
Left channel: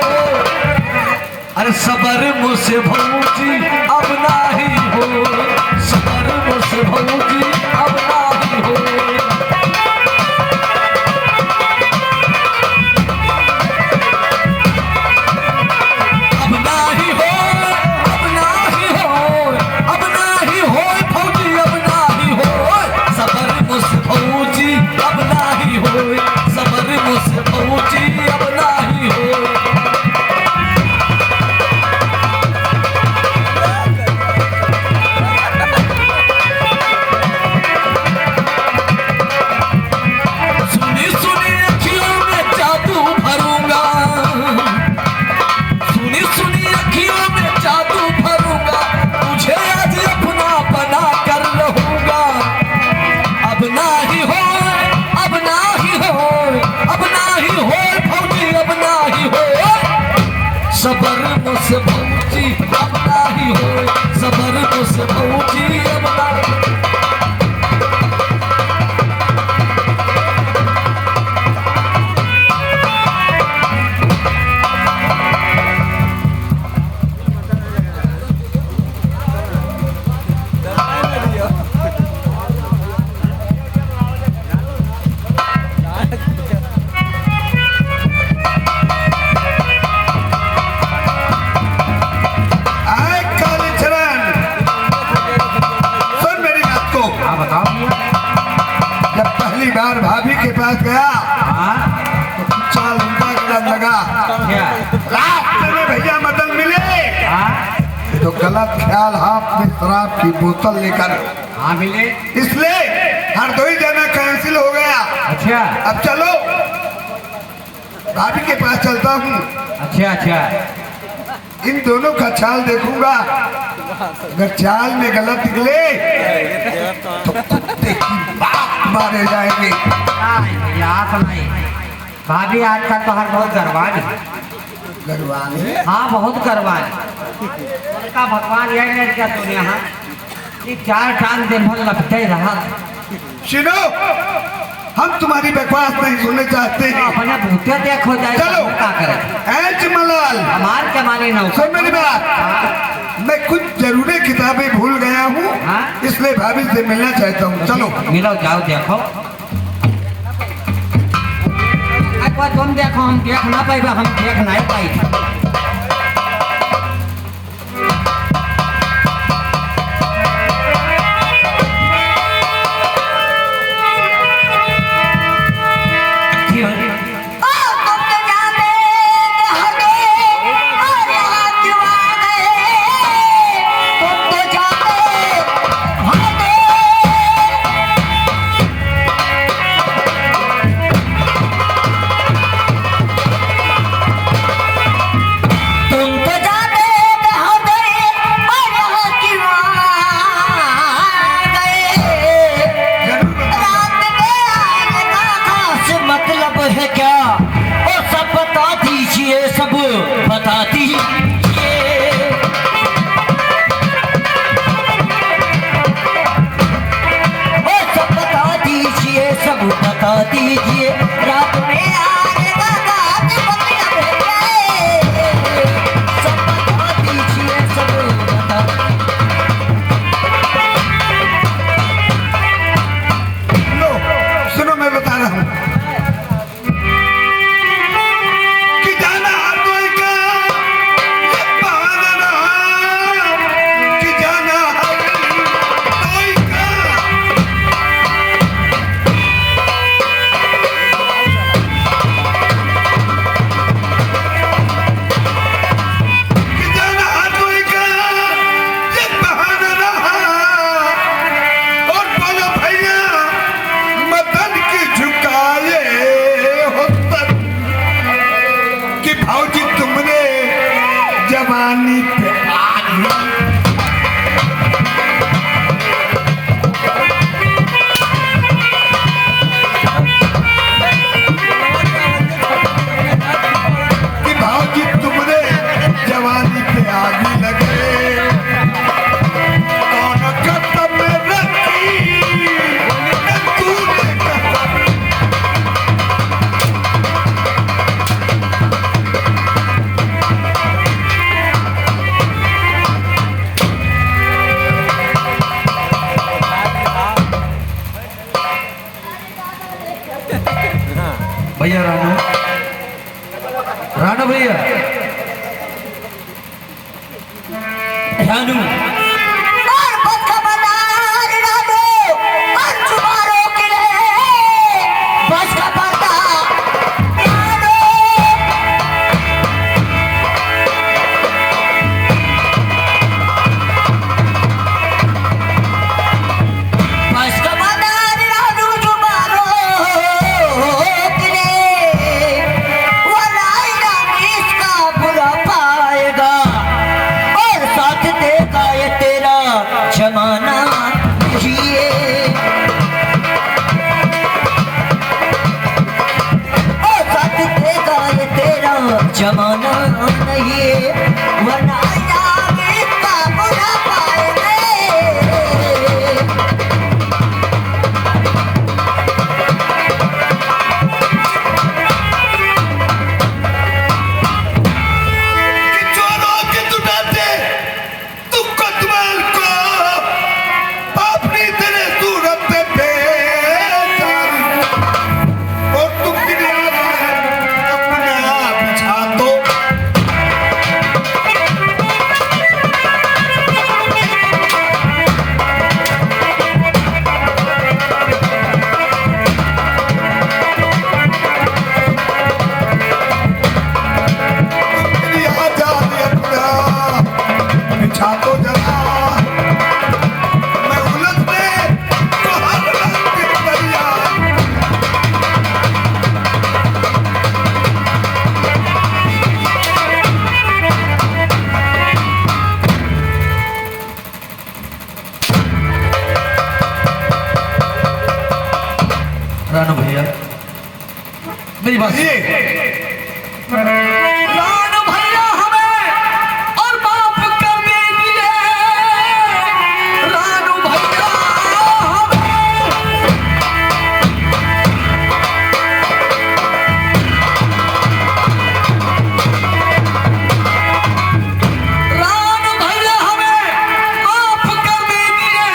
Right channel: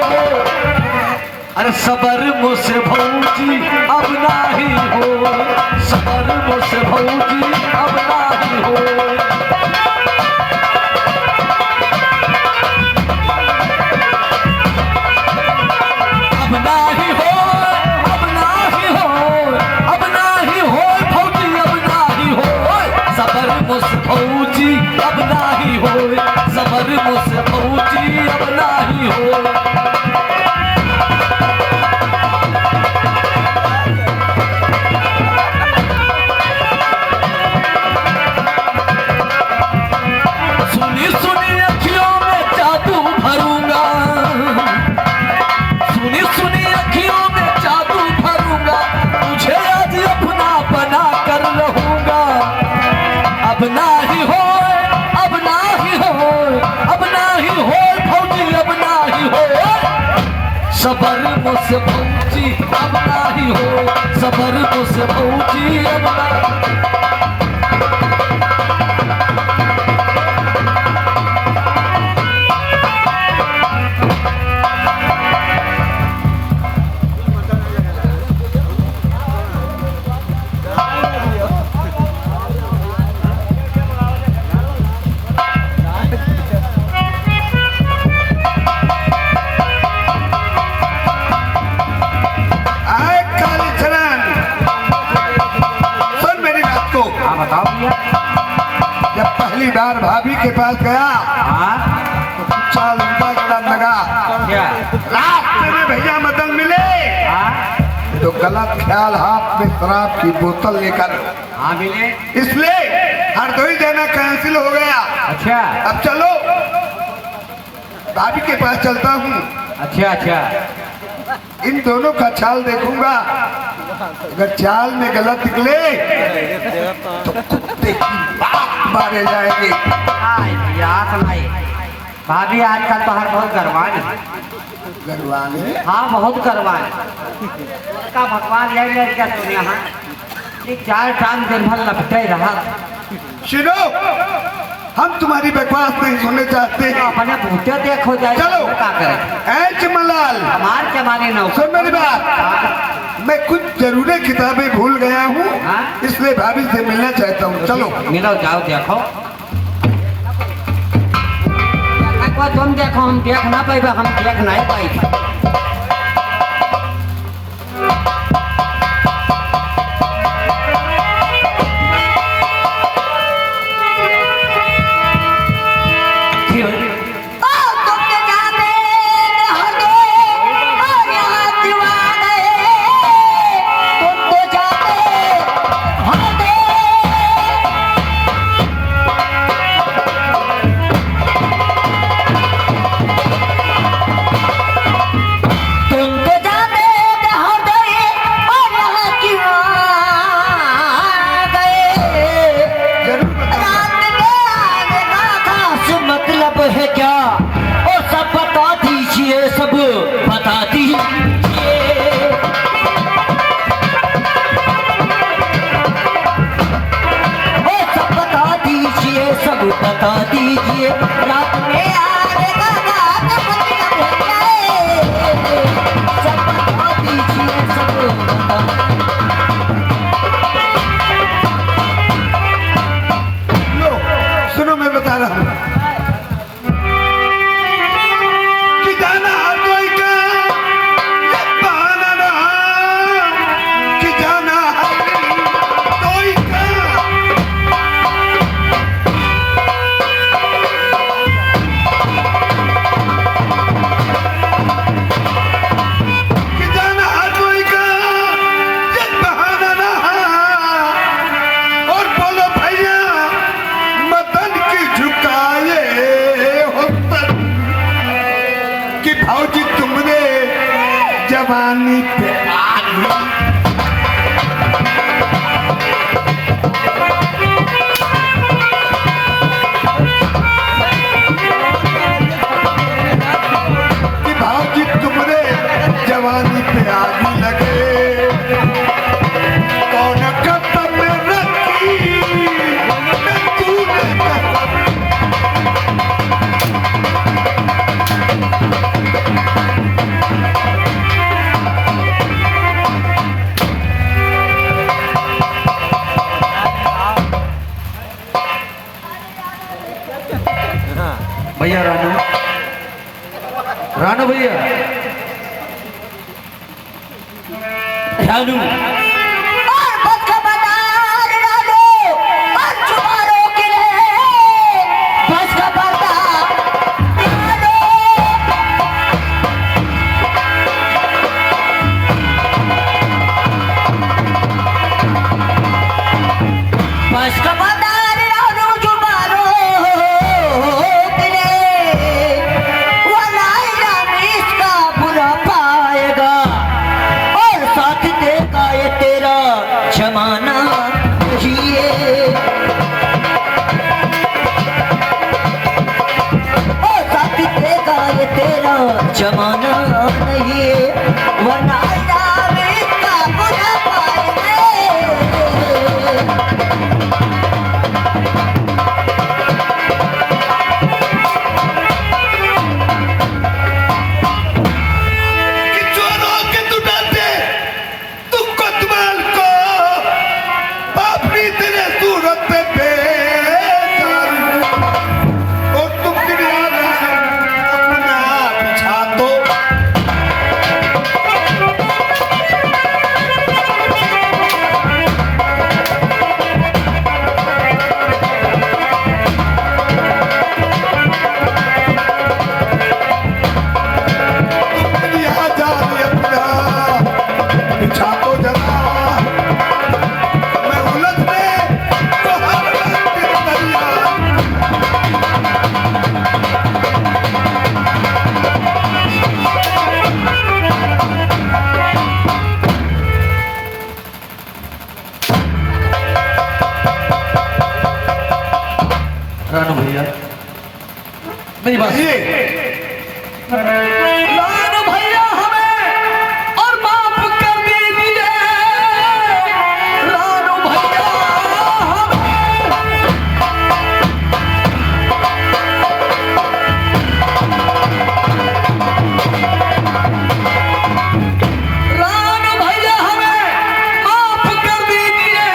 अरे सबर मुझसे भौजी अब ना ही हो, सबर मुझसे भौजी अब ना ही हो। अब ना ही हो, अब ना ही हो, अब ना ही हो भौजी, अब ना ही हो, सबर मुझसे भौजी अब ना ही हो, सबर मुझसे भौजी अब ना ही हो। सुनी सुनी अखियों में जादू भरूंगा, सुनी सुनी अखियों में जादू भरूंगा, तुझे आज अपना बना कर रहूंगा। अब ना ही हो, अब ना ही हो, अब ना ही हो भौजी, अब ना ही हो, सबर मुझसे भौजी अब ना ही हो, सबर मुझसे भौजी अब ना। आए कालीचरण, सुन मेरी बात को। हाँ बताओ भैया जब पहली बार भाभी के पास गया हाँ तो कुछ उनका गलत लगा। क्या रास्ते में भैया मदन मिले हाँ तो गलत ख्याल हाथ में शराब की बोतल लेकर हाँ मिले इसलिए दिल हो गया। अच्छा अब चलो भाभी के पास चलता हूँ। अच्छा अच्छा। इन दोनों का चाल देखूंगा, अगर चाल में गलत निकले तो कुत्ते की लात मारे जाएंगे। भैया सुनाई भाभी आजकल तो हर बहुत गरवान है। गरवाने हाँ बहुत गरवान का भगवान ले ले क्या दुनिया हाँ ये 4 टांग दिन भर लपटे रहा। सुनो, हम तुम्हारी बकवास नहीं सुनने चाहते हैं। अपने भूते देखो जाए चलो। क्या करे ऐ चिमनलाल, हमार के मारे नौ सुन मेरी बात। मैं कुछ जरूरी किताबें भूल गया हूँ, हाँ? इसलिए भाभी से मिलना चाहता हूँ। चलो मिलो जाओ देखो तुम देखो हम देख ना पाए हम देख नहीं पाई। मतलब है क्या और सब बता दीजिए, सब बता दीजिए। और सब बता दीजिए, सब बता दीजिए। रात में आएगा गाने मतलब है, सब बता दीजिए, सब बता। लो सुनो, मैं बता रहा हूँ कि जाना हर कोई का ये बहाना, कि जाना हर कोई का। कि जाना हर कोई का ये बहाना, और बोलो भैया मदन की झुकाए हो पर, कि भाऊजी तुमने जवानी पे आनी। कि भाऊजी तुमने जवानी पे आगी लगे, कौन कदम में रखी तूने कहा। भैया रानू, रानू भैया रानू और बस खबरदार रानू, और चुमारों के लिए बस खबरदार रानू। बस खबरदार रानू, चुमारों के लिए वरना इसका बुरा पाएगा और साथ देगा ये रानू भैया मेरी बात ये रानू भैया हमें और माफ कर दीजिए रानू भैया रानू भैया हमें माफ कर दीजिए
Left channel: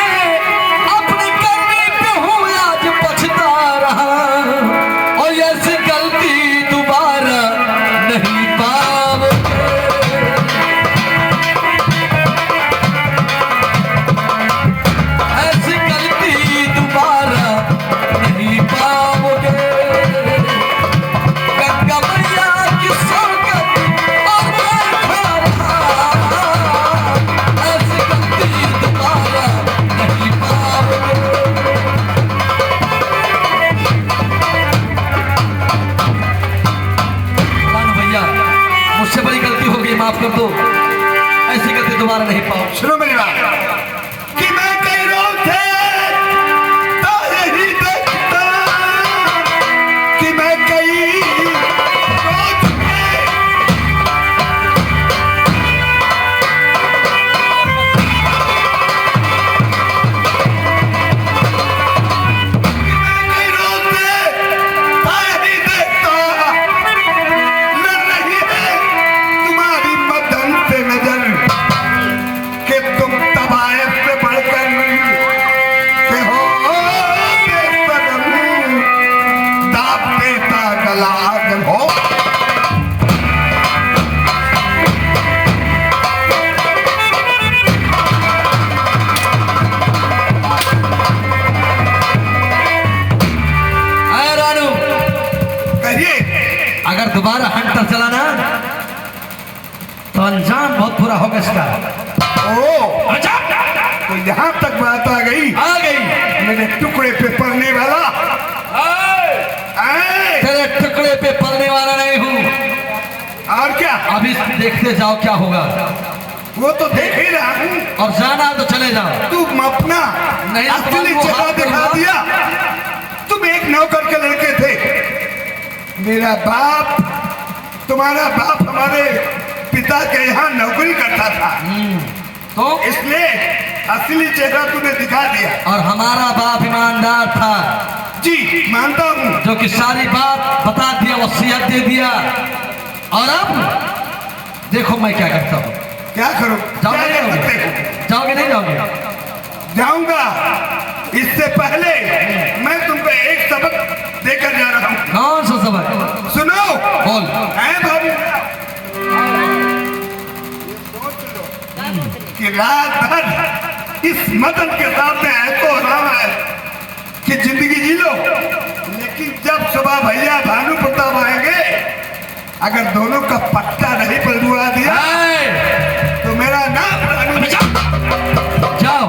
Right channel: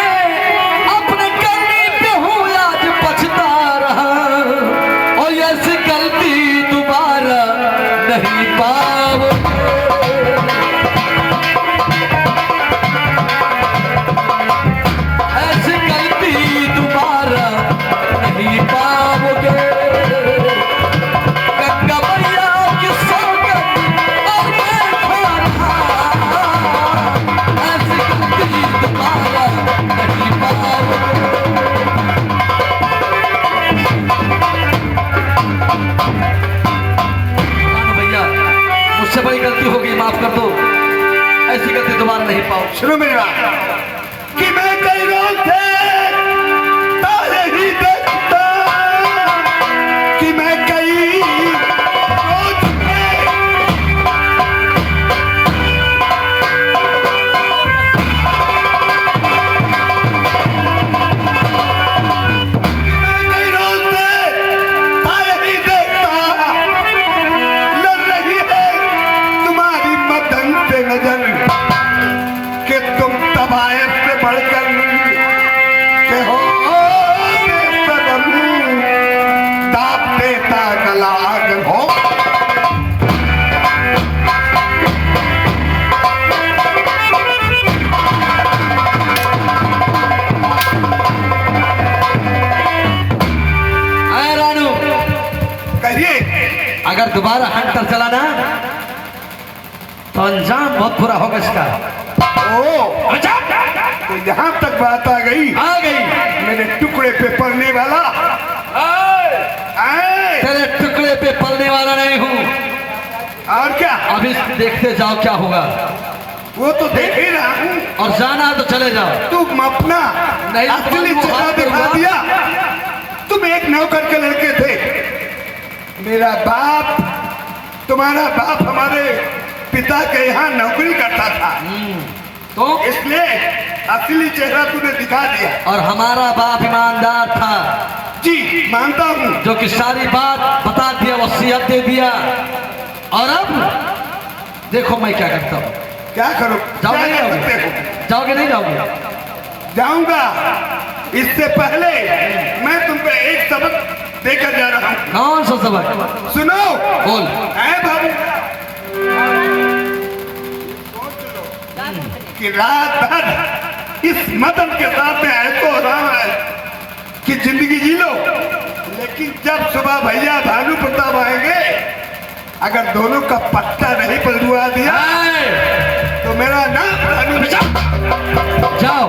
अपने करने पे हूँ आज पछता रहा और ऐसी गलती दोबारा नहीं पाओगे ऐसी गलती दोबारा नहीं पाओगे गंगा मैया की सौगंध और मैं खा रहा ऐसी गलती दोबारा नहीं पाओगे रानू भैया मुझसे बड़ी गलती हो गई माफ कर दो ऐसी गलती दोबारा नहीं पाओ सुनो मेरी बात कि मैं कई रोज थे तारे ही देखता कि मैं कई रोज थे मैं कई रोज थे तारे ही देखता लड़ रही है तुम्हारी मदन पे नजर कि तुम तबायत से बढ़कर के हो बेसबम, दाब देता गला आगन हो आया रानू कहिए अगर दोबारा हंटर चलाना तो अंजाम बहुत बुरा होगा इसका ओ तो यहाँ तक बात आ गई आ गई मेरे टुकड़े पे पड़ने वाला आए तेरे टुकड़े पे पलने वाला नहीं हूँ और क्या अभी देखते जाओ क्या होगा वो तो देख ही रहा हूँ और जाना तो चले जाओ तुम अपना नहीं, असली वो चेहरा बात दिखा होगा। दिया तुम एक नौकर के लड़के थे मेरा बाप तुम्हारा बाप हमारे पिता के यहाँ नौकरी करता था तो इसलिए असली चेहरा तुम्हें दिखा दिया और हमारा बाप ईमानदार था जी मानता हूँ जो कि सारी बात बता दिया वसीयत दे दिया और अब देखो मैं क्या करता हूँ क्या करो जाओगे क्या नहीं कर सकते जाओगे हो? जाओगे नहीं जाओगे जाऊंगा इससे पहले मैं तुम पे एक सबक देकर जा रहा हूँ कौन सा सबक सुनो बोल ऐ बाबू कि रात भर इस मदन के सामने ऐसो आराम है कि जिंदगी जी लो लेकिन जब सुबह भैया भानु प्रताप आएंगे अगर दोनों का पट्टा नहीं पलटवा दिया तो मेरा नाम भानु जाओ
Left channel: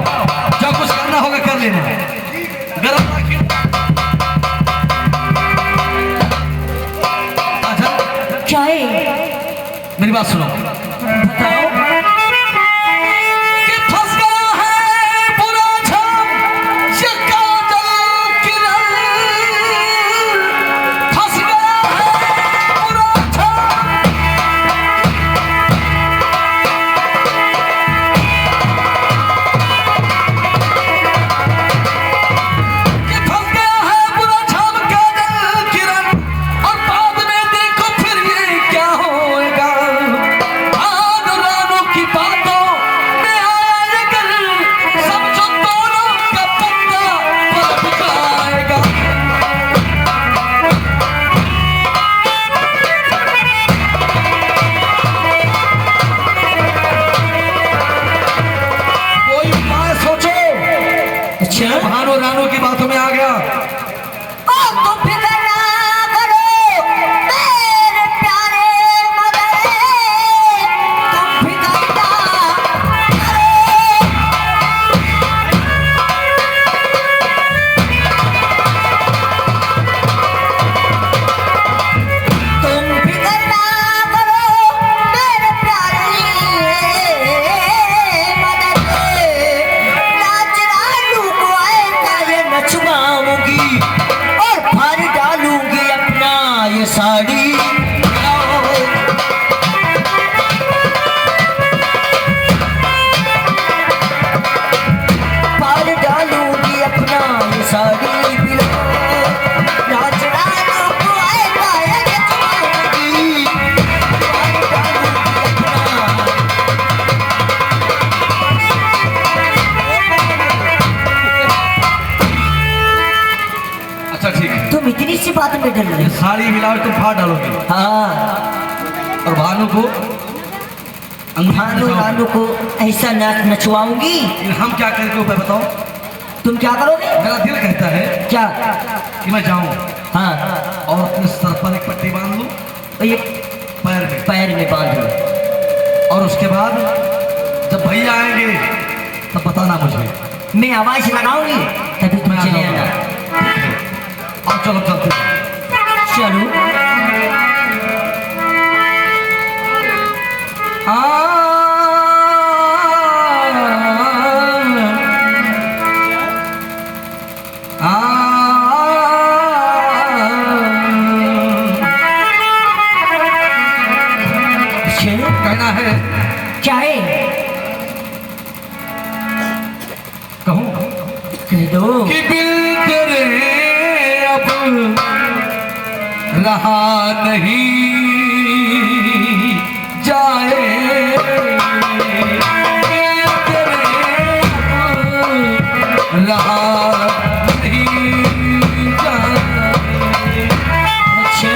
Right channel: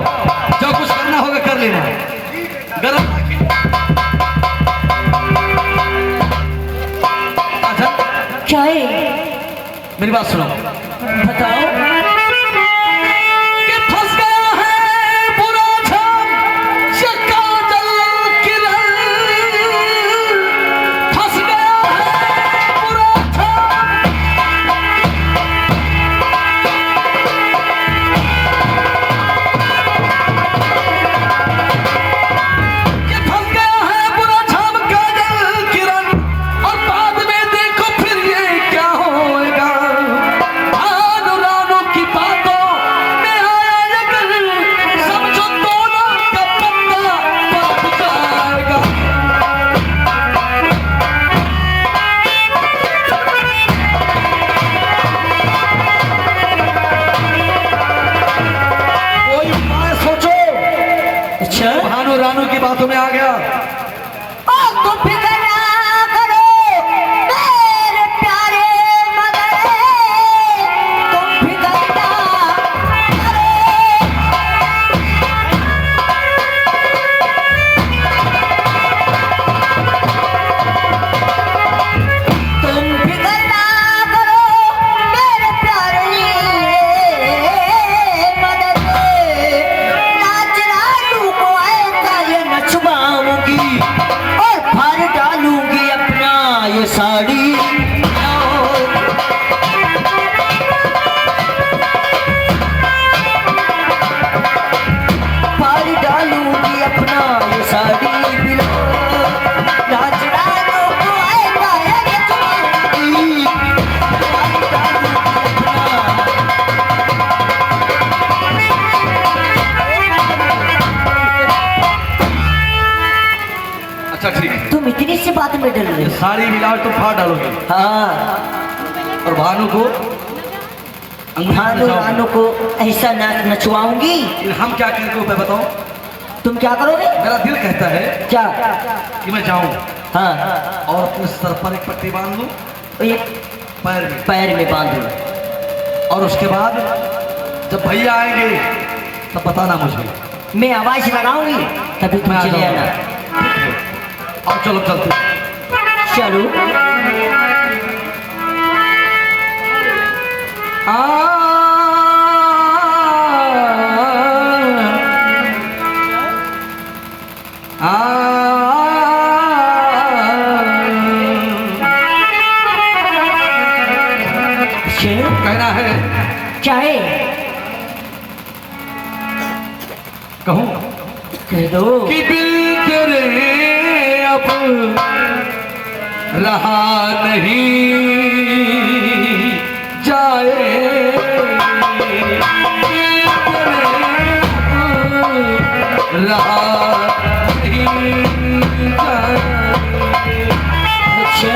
जो कुछ करना होगा कर लेना गलत अच्छा क्या है मेरी बात सुनो बताओ कि फंस गया है बुरा छाम ये काजल किरण फंस गया है बुरा छाम कि फंस गया है बुरा छाम काजल किरण और बाद में देखो फिर ये क्या होएगा अनुराग अच्छा ठीक है। तुम इतनी सी बात में डर रहे हो? साड़ी मिलावट तुम फाड़ डालोगे हाँ, और भानु को भानु रानू को ऐसा नाच नचवाऊंगी। हम क्या करके उपाय बताओ। तुम क्या करोगे? मेरा दिल कहता है क्या? कि मैं जाऊं हाँ, और अपने सर पर एक पट्टी बांध लूं, और ये पैर में बांधो। और उसके बाद जब भैया आएंगे तब बताना मुझे। मैं आवाज लगाऊंगी तभी तुम चले आना। और चलो चलते हैं। चलो। कहना है क्या है? कहूँ कह दो। कि दिल तेरे अब रहा नहीं जाए, दिल तेरे अब रहा नहीं जाए। अच्छा,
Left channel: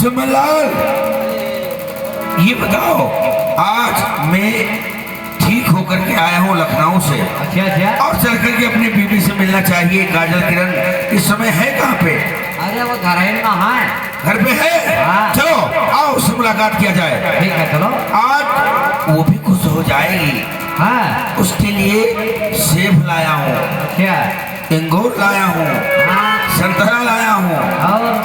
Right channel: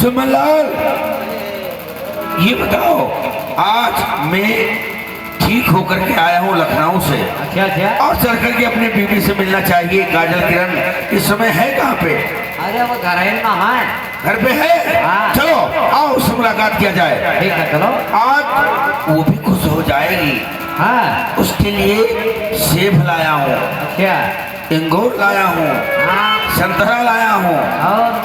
सुमनलाल, ये बताओ, आज मैं ठीक होकर के आया हूँ लखनऊ से। अच्छा अच्छा। और चल करके अपनी बीवी से मिलना चाहिए। काजल किरण इस समय है कहाँ पे? अरे वो घर है ना, हाँ घर पे है। हाँ। चलो आओ उससे मुलाकात किया जाए। ठीक है चलो। आज वो भी खुश हो जाएगी। हाँ उसके लिए सेब लाया हूँ, क्या? अंगूर लाया हूँ, हाँ संतरा लाया हूँ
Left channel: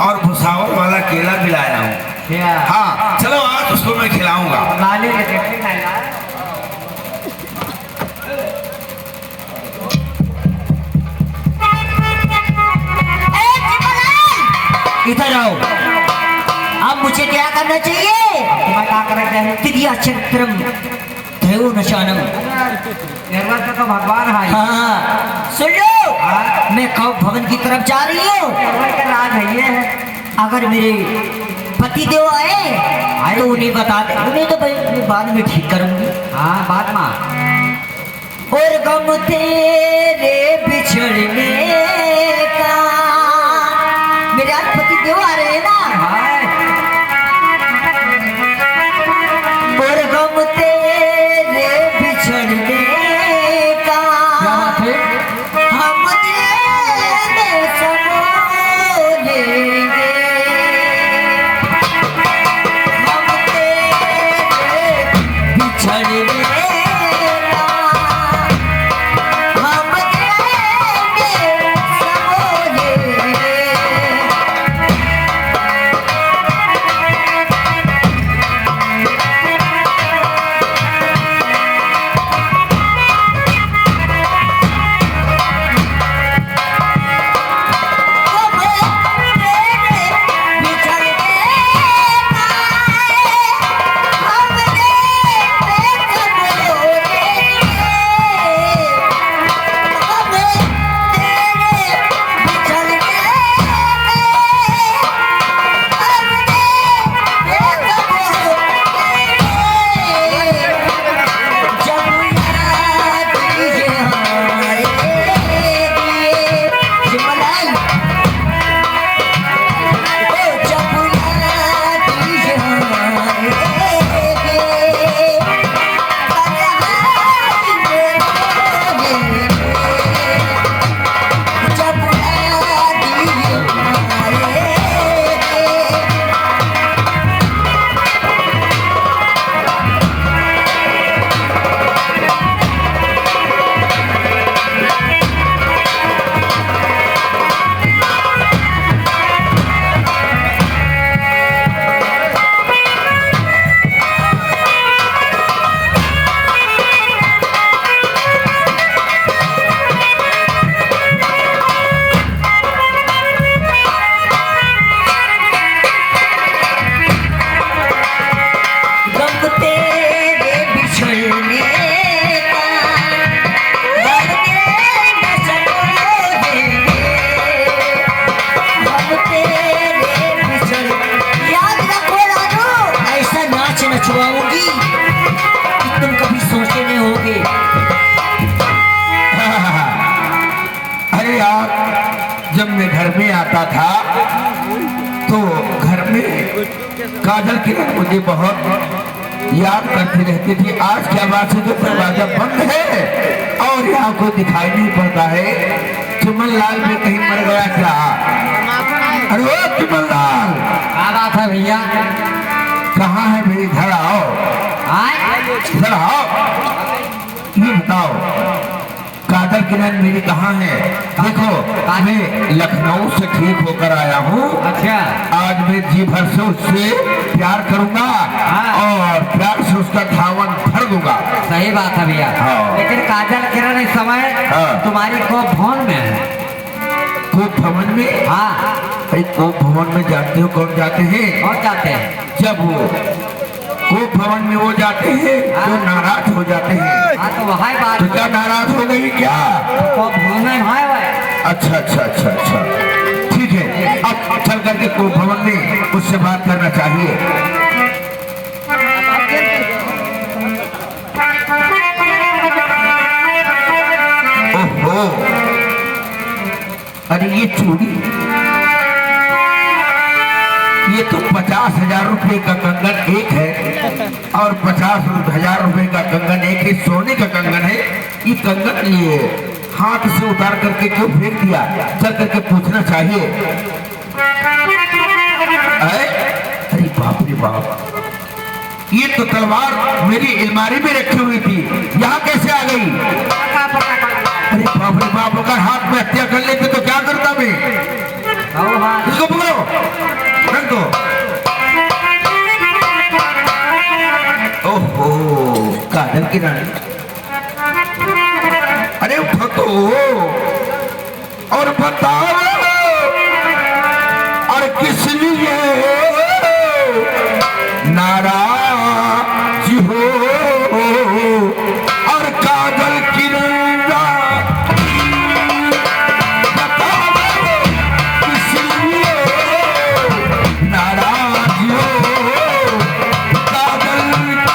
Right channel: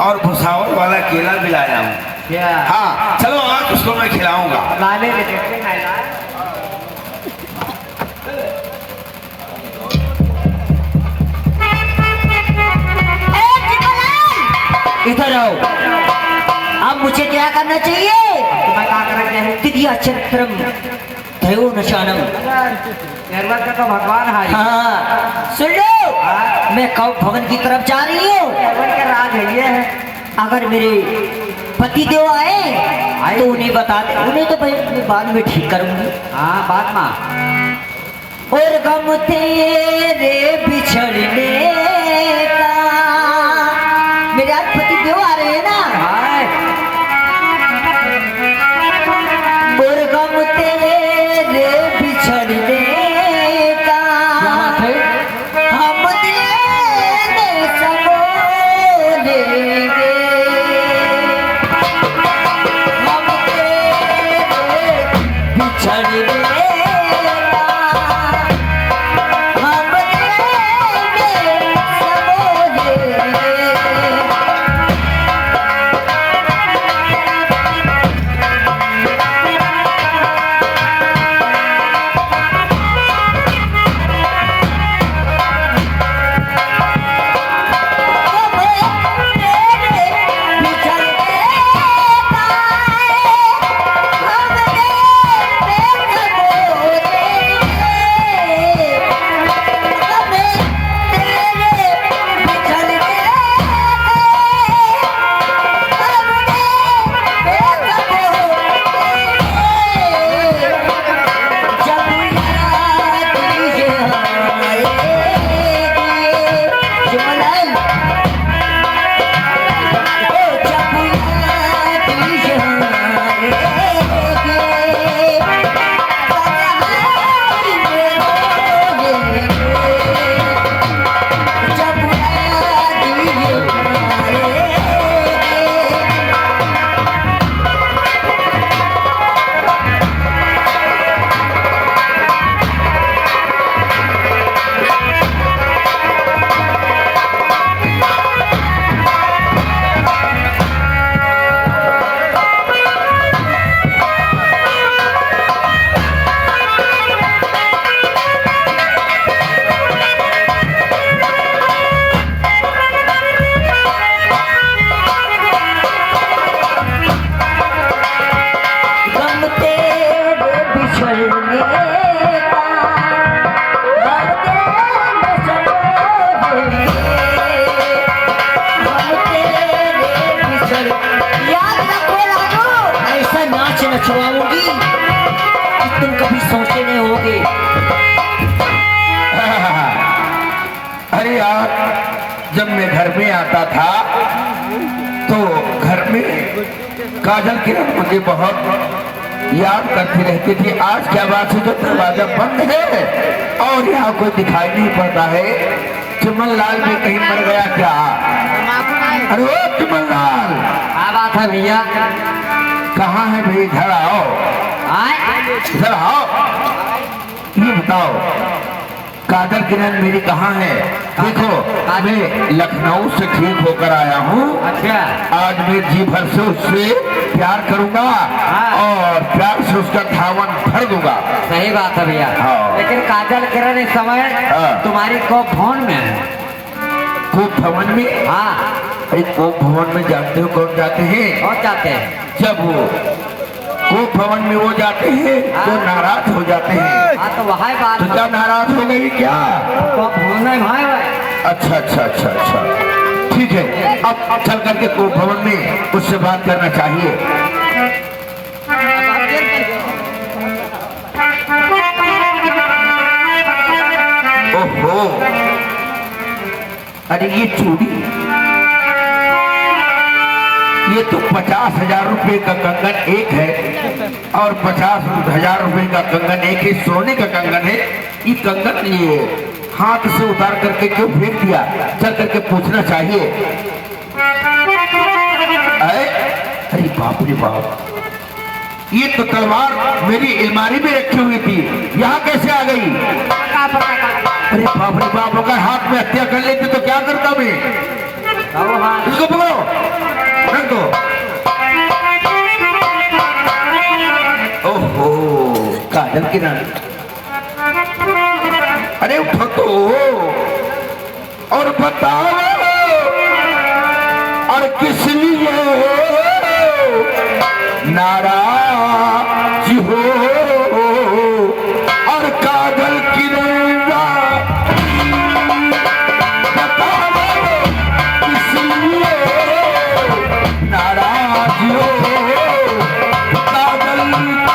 और भुसावल वाला केला भी लाया हूँ। क्या? हाँ चलो आज उसको मैं खिलाऊंगा। लाने लगे थे ना लाए। इधर आओ। अब मुझे क्या करना चाहिए? तुम्हें क्या करना चाहिए? तिथिया चंद्रम त्रयो नशानम। निर्मल से तो भगवान है। हाँ, सुन लो। हाँ? मैं कब भवन की तरफ जा रही हूँ। निर्मल के राज है ये है। अगर मेरे पति देव आए तो उन्हें बता दे। उन्हें तो भाई मैं बाद में ठीक करूंगी। हाँ बात माँ। और गम तेरे बिछड़ने का। मेरे आज पति देव आ रहे हैं ना। और गम तेरे बिछड़ने का हम तेरे समो लेंगे। हम तेरे बिछड़ने का हम तेरे समो लेंगे। था तो घर में काजल किरण मुझे बहुत याद करती रहती थी। आज क्या बात है, जो दरवाजा बंद है और यहाँ को दिखाई नहीं पड़ता है। चुमन लाल भी कहीं मर गया क्या? अरे वो चुमन लाल क्या बात है भैया? कहाँ है भाई? इधर आओ, इधर आओ। ये बताओ काजल किरण मेरी कहाँ है? देखो मैं लखनऊ से ठीक होकर आया हूँ। अच्छा, आज मैं जी भर से उससे प्यार करूंगा और प्यार से उसका धावन भर दूंगा। सही बात है भैया। हाँ। लेकिन काजल किरण इस समय हाँ। तुम्हारी कोप भवन में है। कोप भवन में? हाँ, अरे कोप भवन में जानते हो कौन जाते हैं? कौन जाते हैं? जब वो कोप भवन में वो जाते हैं तो नाराज हो जाते हैं। हाँ, तो वहाँ बात तो क्या नाराज हो गई क्या? कोप भवन में भाई भाई। अच्छा अच्छा अच्छा अच्छा, ठीक है। अब चल करके कोप भवन में उससे बात करना चाहिए। ओहो, अरे ये चूड़ी, ये तो 50,000 रुपए का कंगन एक है और 50,000 रुपए का कंगन एक है। सोने का कंगन है। ये कंगन लिए हाथ से उतार करके क्यों फेंक दिया? चल करके पूछना चाहिए। अरे बाप रे बाप, ये तो तलवार मेरी अलमारी में रखी हुई थी, यहाँ कैसे आ गई? अरे बाप रे बाप, अगर हाथ में हत्या कर लेते तो क्या करता मैं? इसको पकड़ो, रख दो। ओहो काजल किरण, अरे उठो तो और बताओ और किस लिए नाराज हो? और काजल किरण बताओ किस लिए नाराज हो? काजल किरण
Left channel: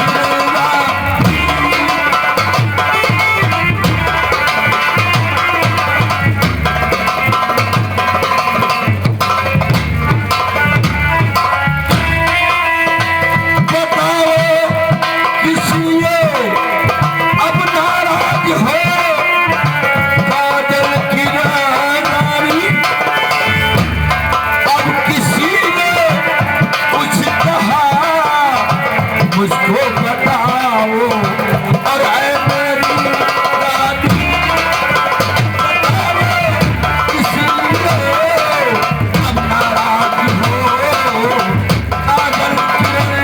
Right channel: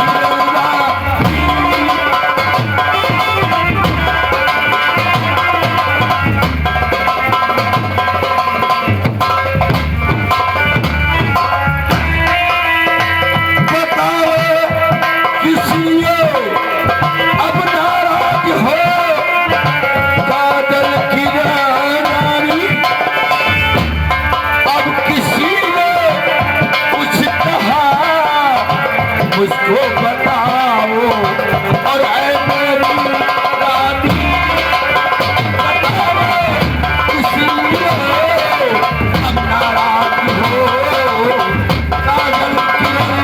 मुझको बताओ और ऐ मेरी रानी बताओ इसलिए अब नाराज हो? काजल किरण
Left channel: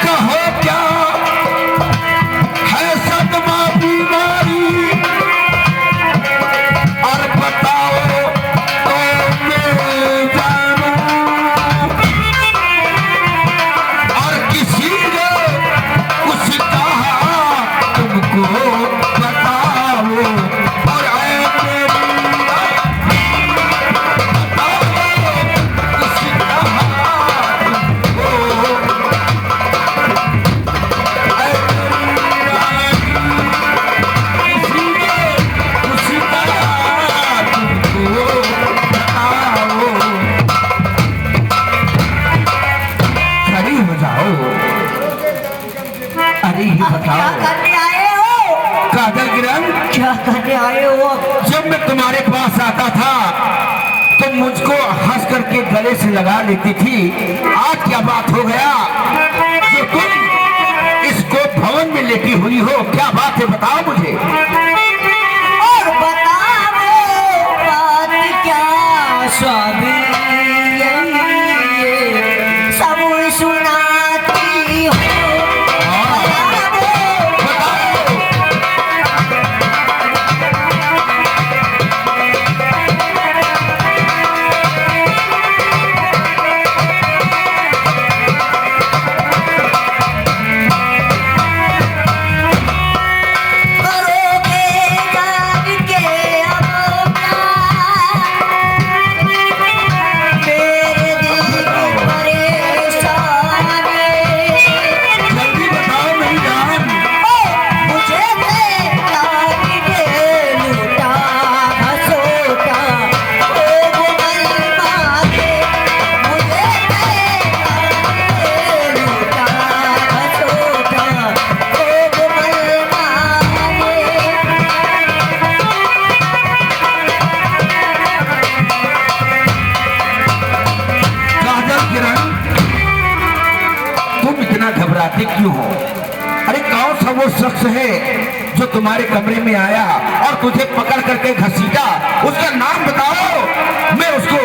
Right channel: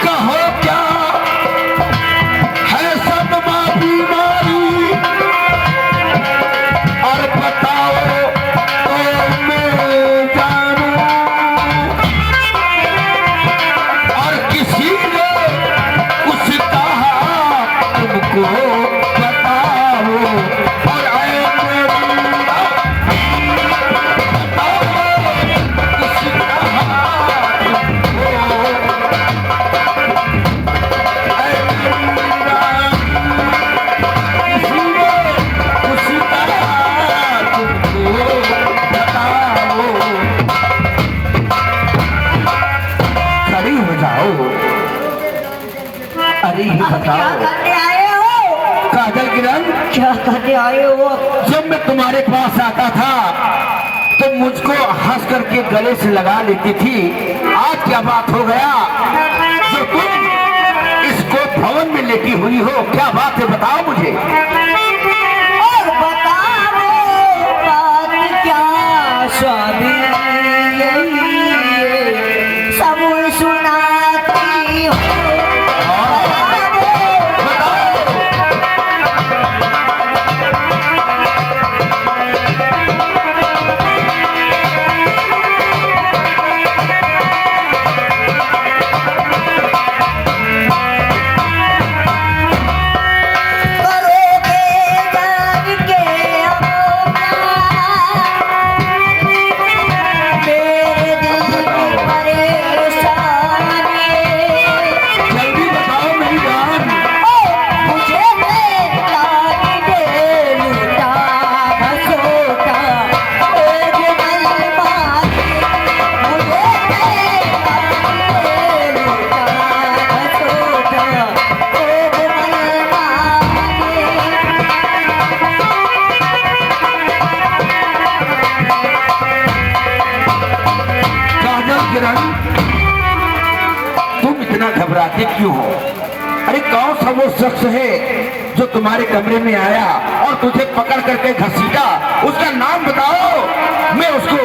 कहो क्या है सदमा बीमारी और बताओ तो मैं जानूं। और किसी ने कुछ कहा तुमको बताओ और ऐ मेरी बताओ किसी कहा खड़ी हो जाओ। अरे ये क्या बताओ करने आए हो? काजल किरण, क्या करने आए हो? जब मैं तुम्हारे पास आता था तो मुझको हंस करके गले से लगा लेती थी। आज क्या बात हो गया जो तुम इसको भवन में लेटी हुई हो? क्या बात है बताओ मुझे। और बताओ बात क्या? स्वामी सब सुनाती हो। करोगे डरते क्यों हो? अरे कौन सा वो शख्स है जो तुम्हारे कमरे में आया और तुझे पकड़ करके घसीटा? उसका नाम बताओ, मैं उसको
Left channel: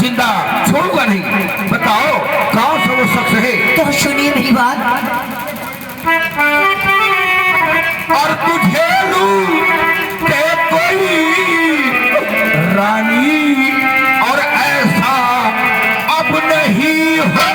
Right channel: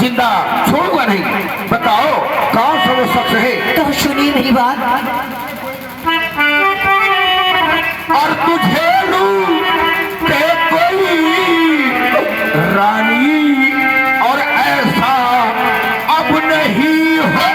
जिंदा छोड़ूंगा नहीं। बताओ कौन सा वो शख्स है? तो सुनिए मेरी बात। और तुझे लूटे कोई रानी और ऐसा अब नहीं हो।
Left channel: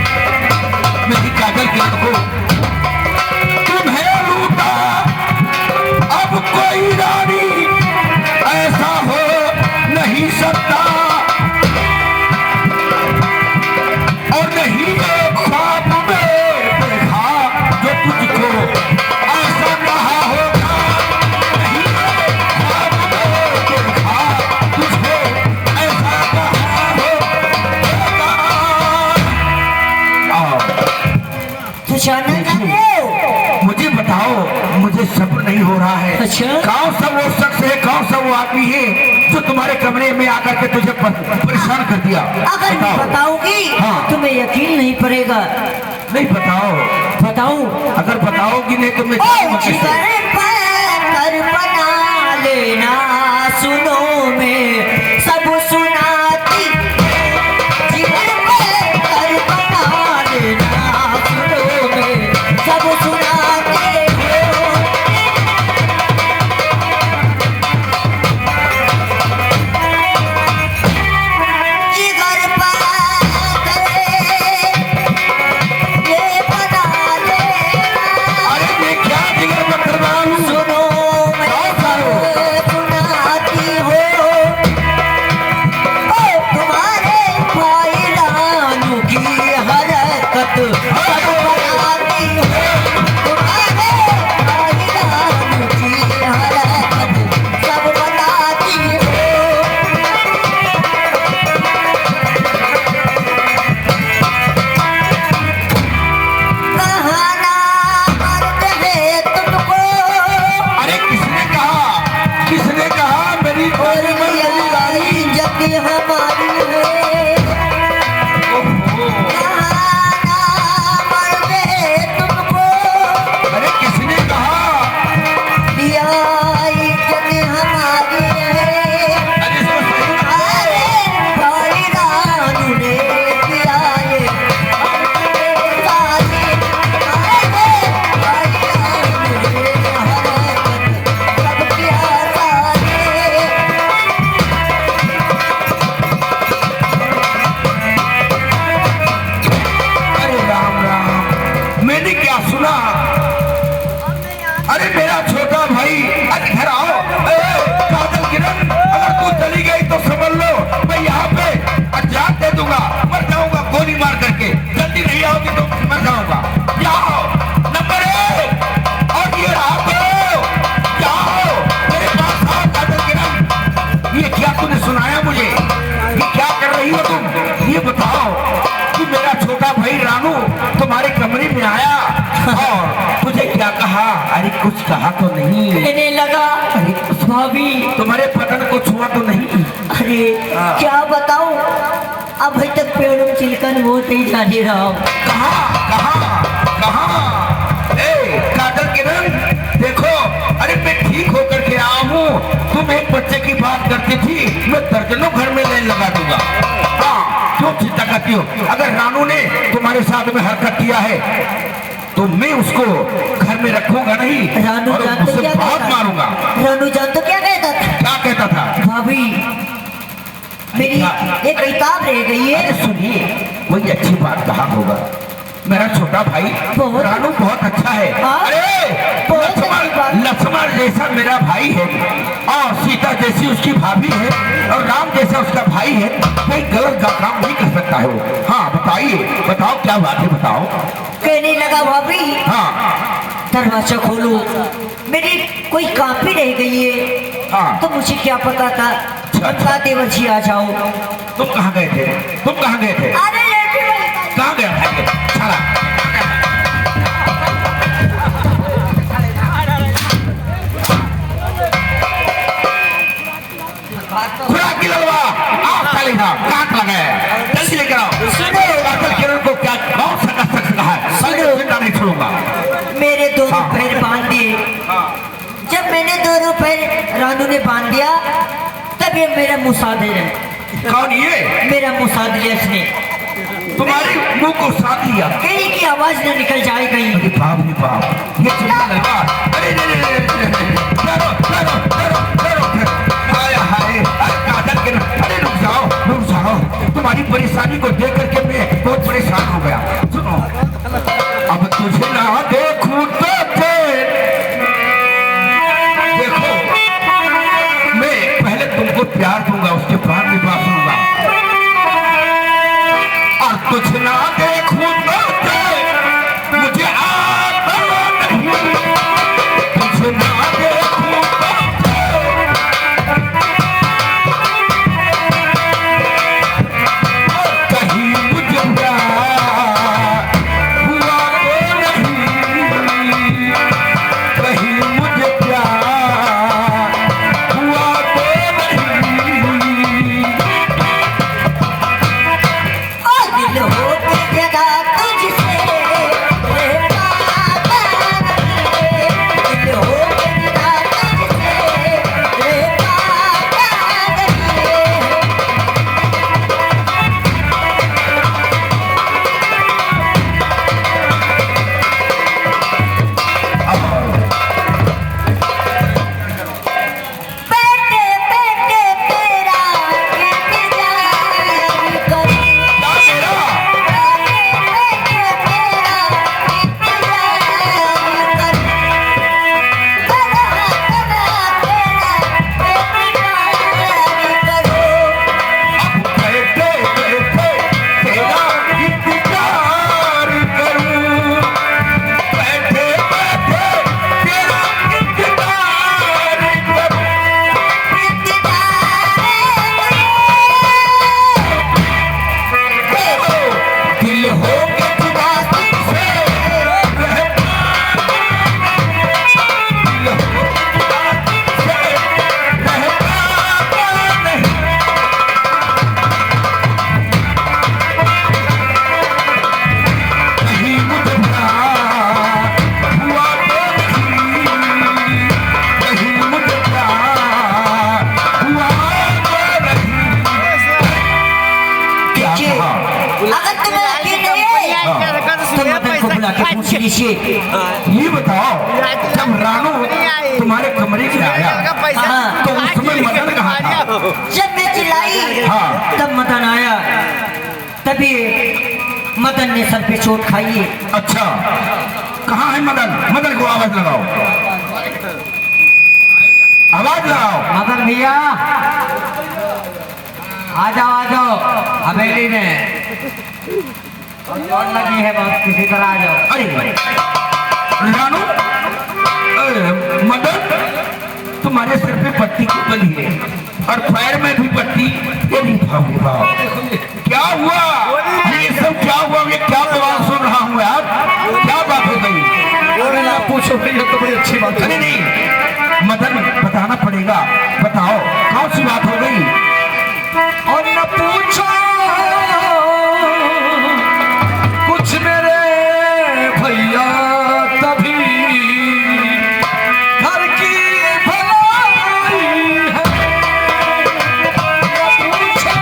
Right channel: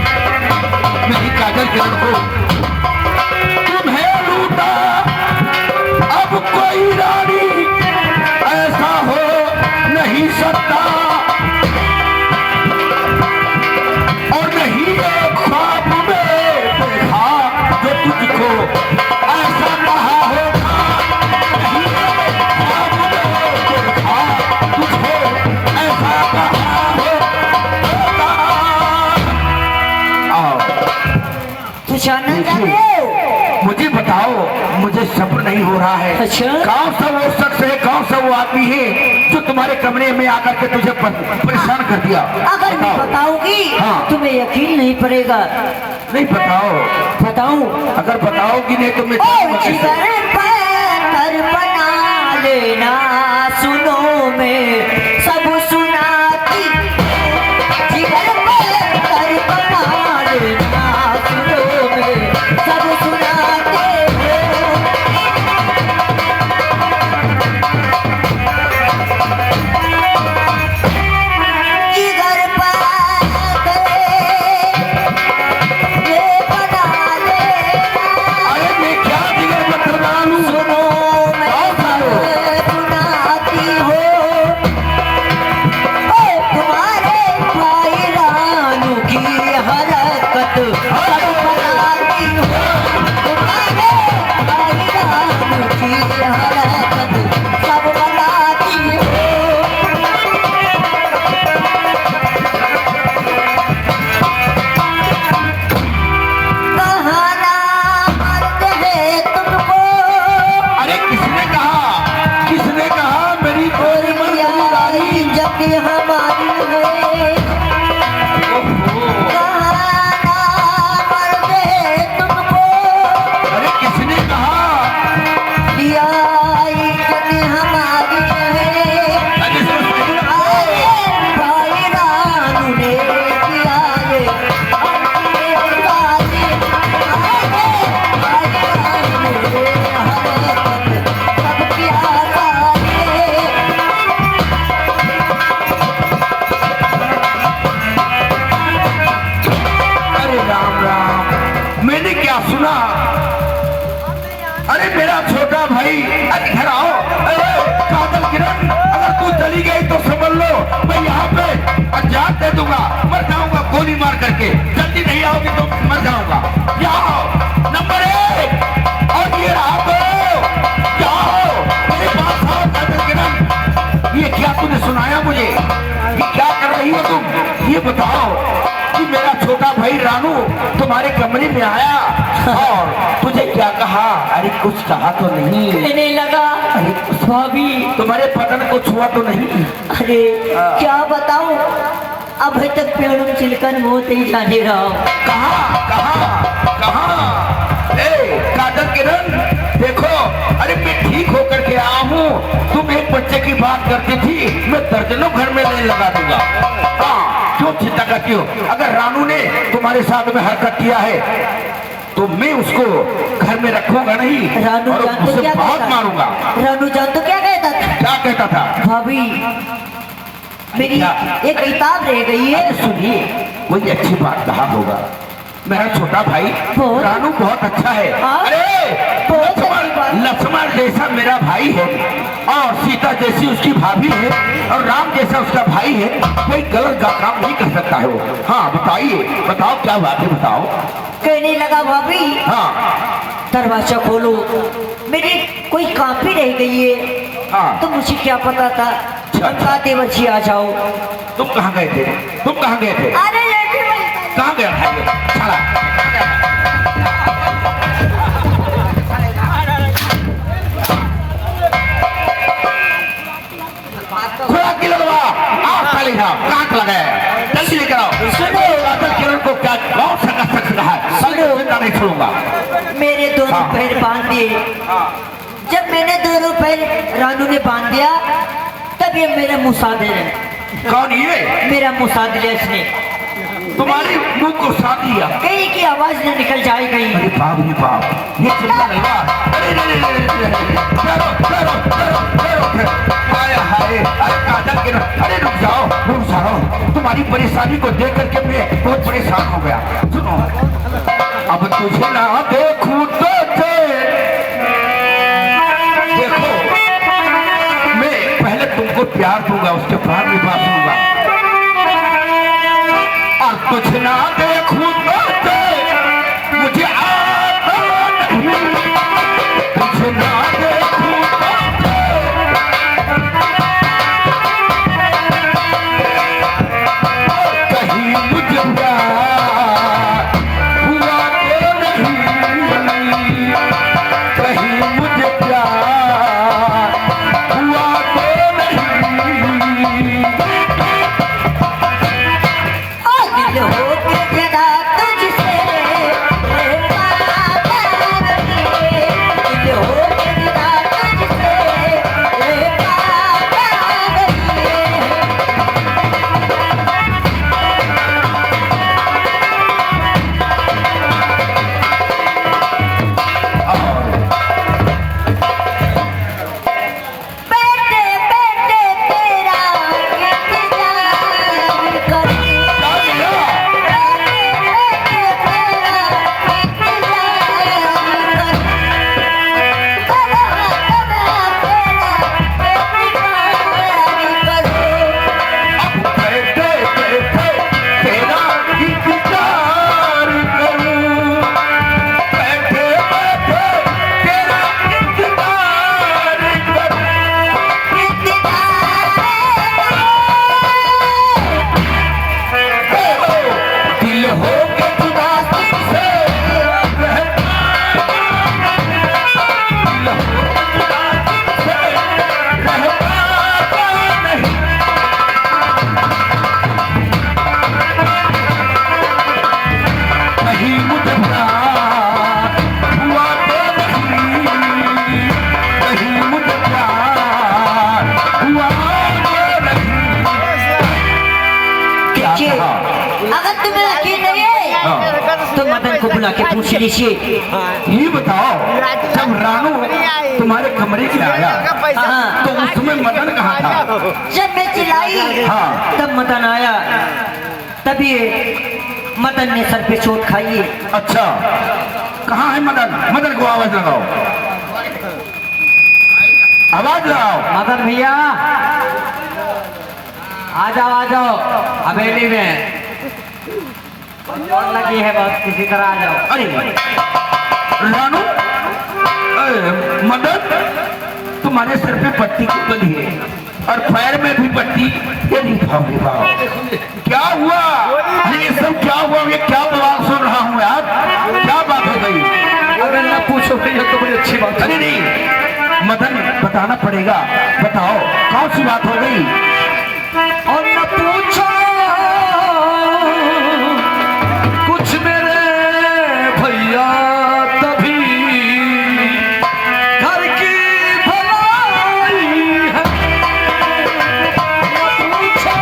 मेरी काजल के लड़को, तुम्हें लूटा अब कोई रानी ऐसा हो नहीं सकता, और नहीं एक ख्वाब में देखा जो तुझको ऐसा कहा होगा। नहीं एक ख्वाब में देखा तुझको ऐसा कहा होगा। तू जानना चाहते हो? मुझे बताओ, मुझे सब्र नहीं हो रहा है। अच्छा? कौन सा वो शख्स है, कौन सा वो आदमी है जो तुम्हारे कमरे में आकर के तुझे परेशान कर दिया? अगर मैं बताऊंगी हाँ। तुम्हें यकीन नहीं पड़ेगा। नहीं बताओ। बताऊं? अगर बताओगी नहीं तो मैं ओ जिगर पर बना लेना, सुनो मैं सब सुनाती। जिगर पर बना लेना, सुनो मैं सब सुनाते हो। जिगर पर ये बना लेना, अरे मैं क्या जिगर पत्थर डालूं? सुनो मैं सब सुनाती हो। ओ तुम्हारे भाई रानू की हरकत सब बताती हो। तुम्हारे भाई रानू की हरकत सब बताती हो। कहाना मर्द है तुमको, अरे किसने कहा? किसने कहा मेरी गोरी मेरी रानी? जब भी हमारी है। कहाना मर्द है तुमको, अरे किसने कहा? दिया इज्जत हमारी है। अरे अरे भाई रानू ने किया ये हमारे साथी। अरे भाई रानू ने हरकत सब किया सारे। अरे राम राम, मैंने क्या सुना? अरे मेरा छोटा भाई, अरे घर आओ। काजल किरण, अगर तू चली गई तो समझ लो मैं यहाँ पे जान दे दूंगा, मर जाऊंगा गोली मार करके। जल्दी नहीं आओगी तो मर जाऊंगा। क्या हो? नंबर 1 और ये रहा तो क्या हो? मेरे पास आओ काजल किरण। ये क्या तूने सुनाया मुझे? ये क्या कर रही हो तुम? ये बताओ कि मेरा छोटा भाई रानू तुम्हारे कमरे में आया और तुझे क्या कहा? अरे कुछ कहा तो नहीं? कहने लगा भाभी, तुम्हारे पतन को छुआ तो नहीं? अरे क्या बताऊं, अभी तक पेड़ों चिलकन वो नहीं जाने रहा हूं। कहा कहा कहा? ए काजल किरण देखो, अरे मैं ठीक होकर के आया हूँ। तुम एक बच्चे की बात करती थी, मैं दर्जनों घर में लेने लगा दूंगा। हाँ, क्यों चिंता करती हो? अगर रानू ने तुम्हारे साथ में हरकत किया है तो मैं उसको घर में रखूंगा नहीं रानू और जान तो उसे क्या बहुत कहता? मारूंगा। रानू जान तो क्या कहता था? क्या कहता था? भाभी मेरी क्या? एक किताब रह गई है। अरे सुनिए, कोई अच्छी बात कहा होगा। मेरा छोटा भाई बहुत- रानू बहुत अच्छा है। हाँ? अरे बहुत अच्छी बात। लक्ष्मण जैसा मेरा भाई है और सीता जैसी उसकी भाभी है और राम जैसा उसका भाई है। कोई गलत काम नहीं कर सकता है वो। हाँ बताइए, बताओ क्या बात है, बताओ। कहने लगा भाभी हाँ दरवाजा खोलो, मेरी कोई कापी रह गई है। हाँ। तो मुझे क्या पता था अच्छा। बच्ची आ जाओ। तुम कहाँ गए थे? तुम कहाँ गए थे? अरे लेटे वाली कहाँ गया था? चला ललवा आप चले जाओ काट लगाए जल्दी लेकर आओ सुनो अगर किरण को क्या कौन सा सक रहा है सगे जिंदा नहीं छोड़ूंगा मेरे दोनों पैर बांध दिए। जब मैंने दोनों पैर रानू ने बांध दिया तब ये मेरा मुसादे रहे। कौन ये मेरा मुसादे इसने तुम्हारे मुंह को साथ लिया कहीं की आवाज न निकल जाए कहीं। अरे बाप रे बाप ये चिंता नहीं बा अरे हाय हाय अरे काजल के अरे रुक जाओ तुम्हारी परेशानी को देख करके मैं बहुत परेशान हो गया। सुनो अब तुझे ना देखूं तो देखो मैं पहले तुमको प्यार दूंगा उसके बाद विवाह दूंगा और कुछ ना देखूं तो मुझे आता नहीं कुछ ना देखूं तो कहीं मुझे प्यार हुआ तो नहीं कहीं मुझे प्यार हुआ तो नहीं दिल हो के जगा तुझसे रे पागल रे। दिल हो के जगा तुझसे रे पागल रे। बैठे बैठे तेरा इंतजार करूं। बैठे बैठे तेरा इंतजार करूं बैठे बैठे तेरा इंतजार करूं दिल हो के जुदा तुझसे रहता दिल हो के जुदा तुझसे रहता नहीं कहीं मुझे प्यार हुआ तो नहीं कहीं मुझे प्यार हुआ तो नहीं क्या देखिए, कहा? अगर तुम्हें यकीन नहीं है तो मदन को बुला के पूछ लीजिए। ये बताओ जब रानू तुम्हारे कमरे में आया हाँ, तो उस समय मदन कहाँ था जब मैं चिल्लाई हाँ। तब मदन आया। तभी मदन ने सर पे चोट खाई है। अच्छा कहाँ है मदन मदन को आवाज लगाओ आवाज लगाओ मदन भैया आ जाओ हवेली में कौन लगी है बहुत किसी तरह आ जाओ। अरे रानू मदन तुम्हारे सर पे पट्टी क्यों बंधी है और पैर में भी पट्टी ये नहीं भाव क्या हुआ ये सब क्या हुआ ये क्या बवाल सुन रहा हूँ यार क्या बात हो गई अरे ना पूछो तो बड़ी अच्छी बात है नहीं मदन बताना पड़ेगा बताओ कौन सी बात हो गई और न पूछो कुछ मेरे भैया तभी घर की भलाई है। न पूछो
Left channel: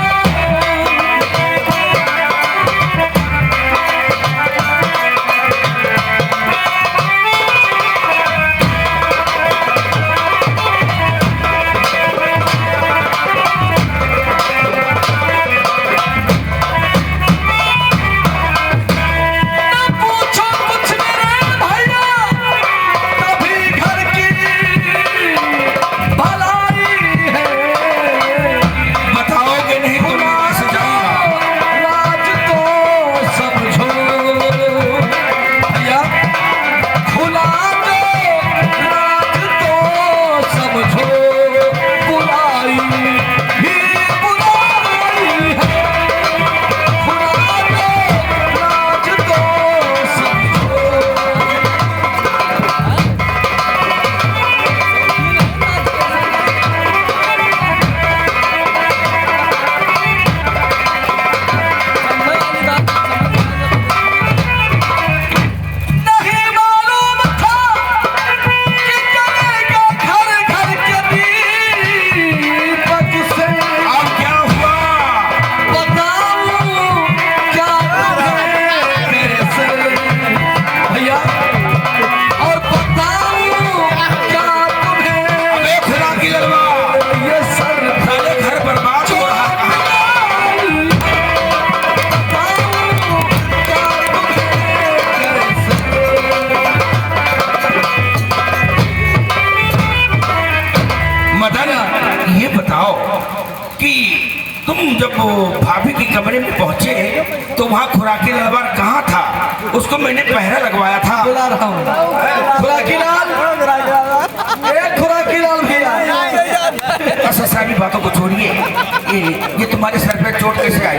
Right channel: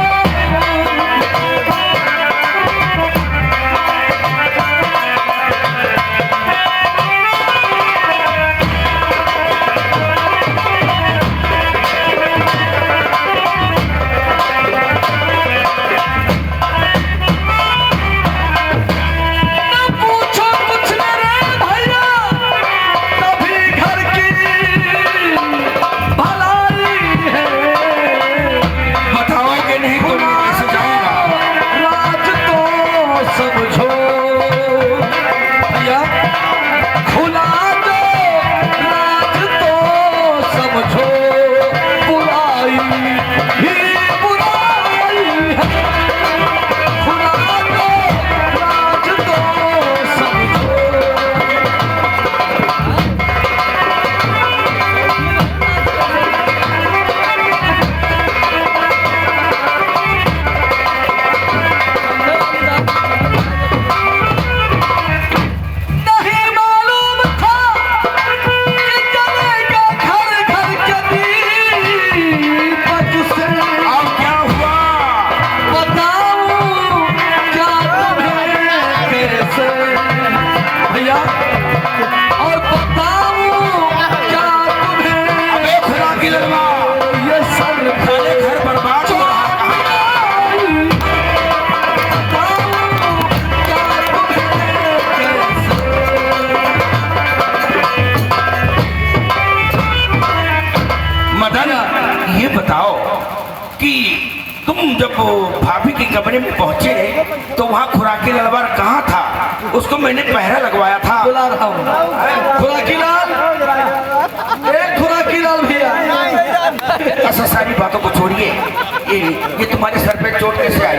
तुम जब भाभी के कमरे में पहुंचे तो वहाँ खुराकी लाल कहाँ था? उसको मैंने पहरा लगवाया था। बुला रहा हूँ खुराकी लाल, खुराकी लाल भैया। ऐसा सारी बातों को छोड़िए, ये तुम्हारे सर पे चोट कैसे आई?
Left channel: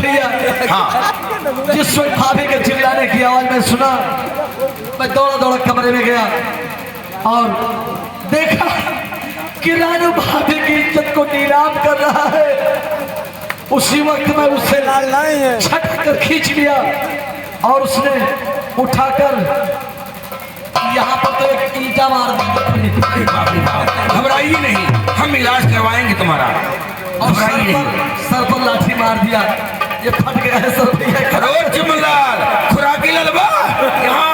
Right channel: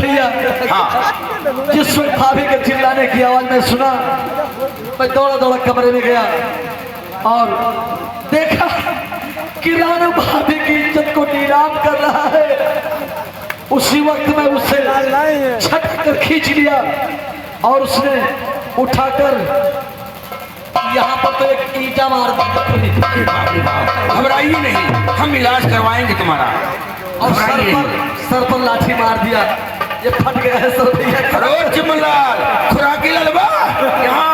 भैया हाँ, जिस वक्त भाभी के चिल्लाने की आवाज में सुना, मैं दौड़ा दौड़ा कमरे में गया और देखा कि रानू भाभी की इज्जत को नीलाम कर रहा है। उसी वक्त में उसे छट कर खींच लिया और उसने उठाकर यहाँ पर तो एक ईंटा मार दी। घबराइए नहीं, हम इलाज करवाएंगे तुम्हारा। और सर पर लाठी मार दिया। ये फट गया है सर भैया। अरे चिमनलाल, खुराकी ललवा, यहाँ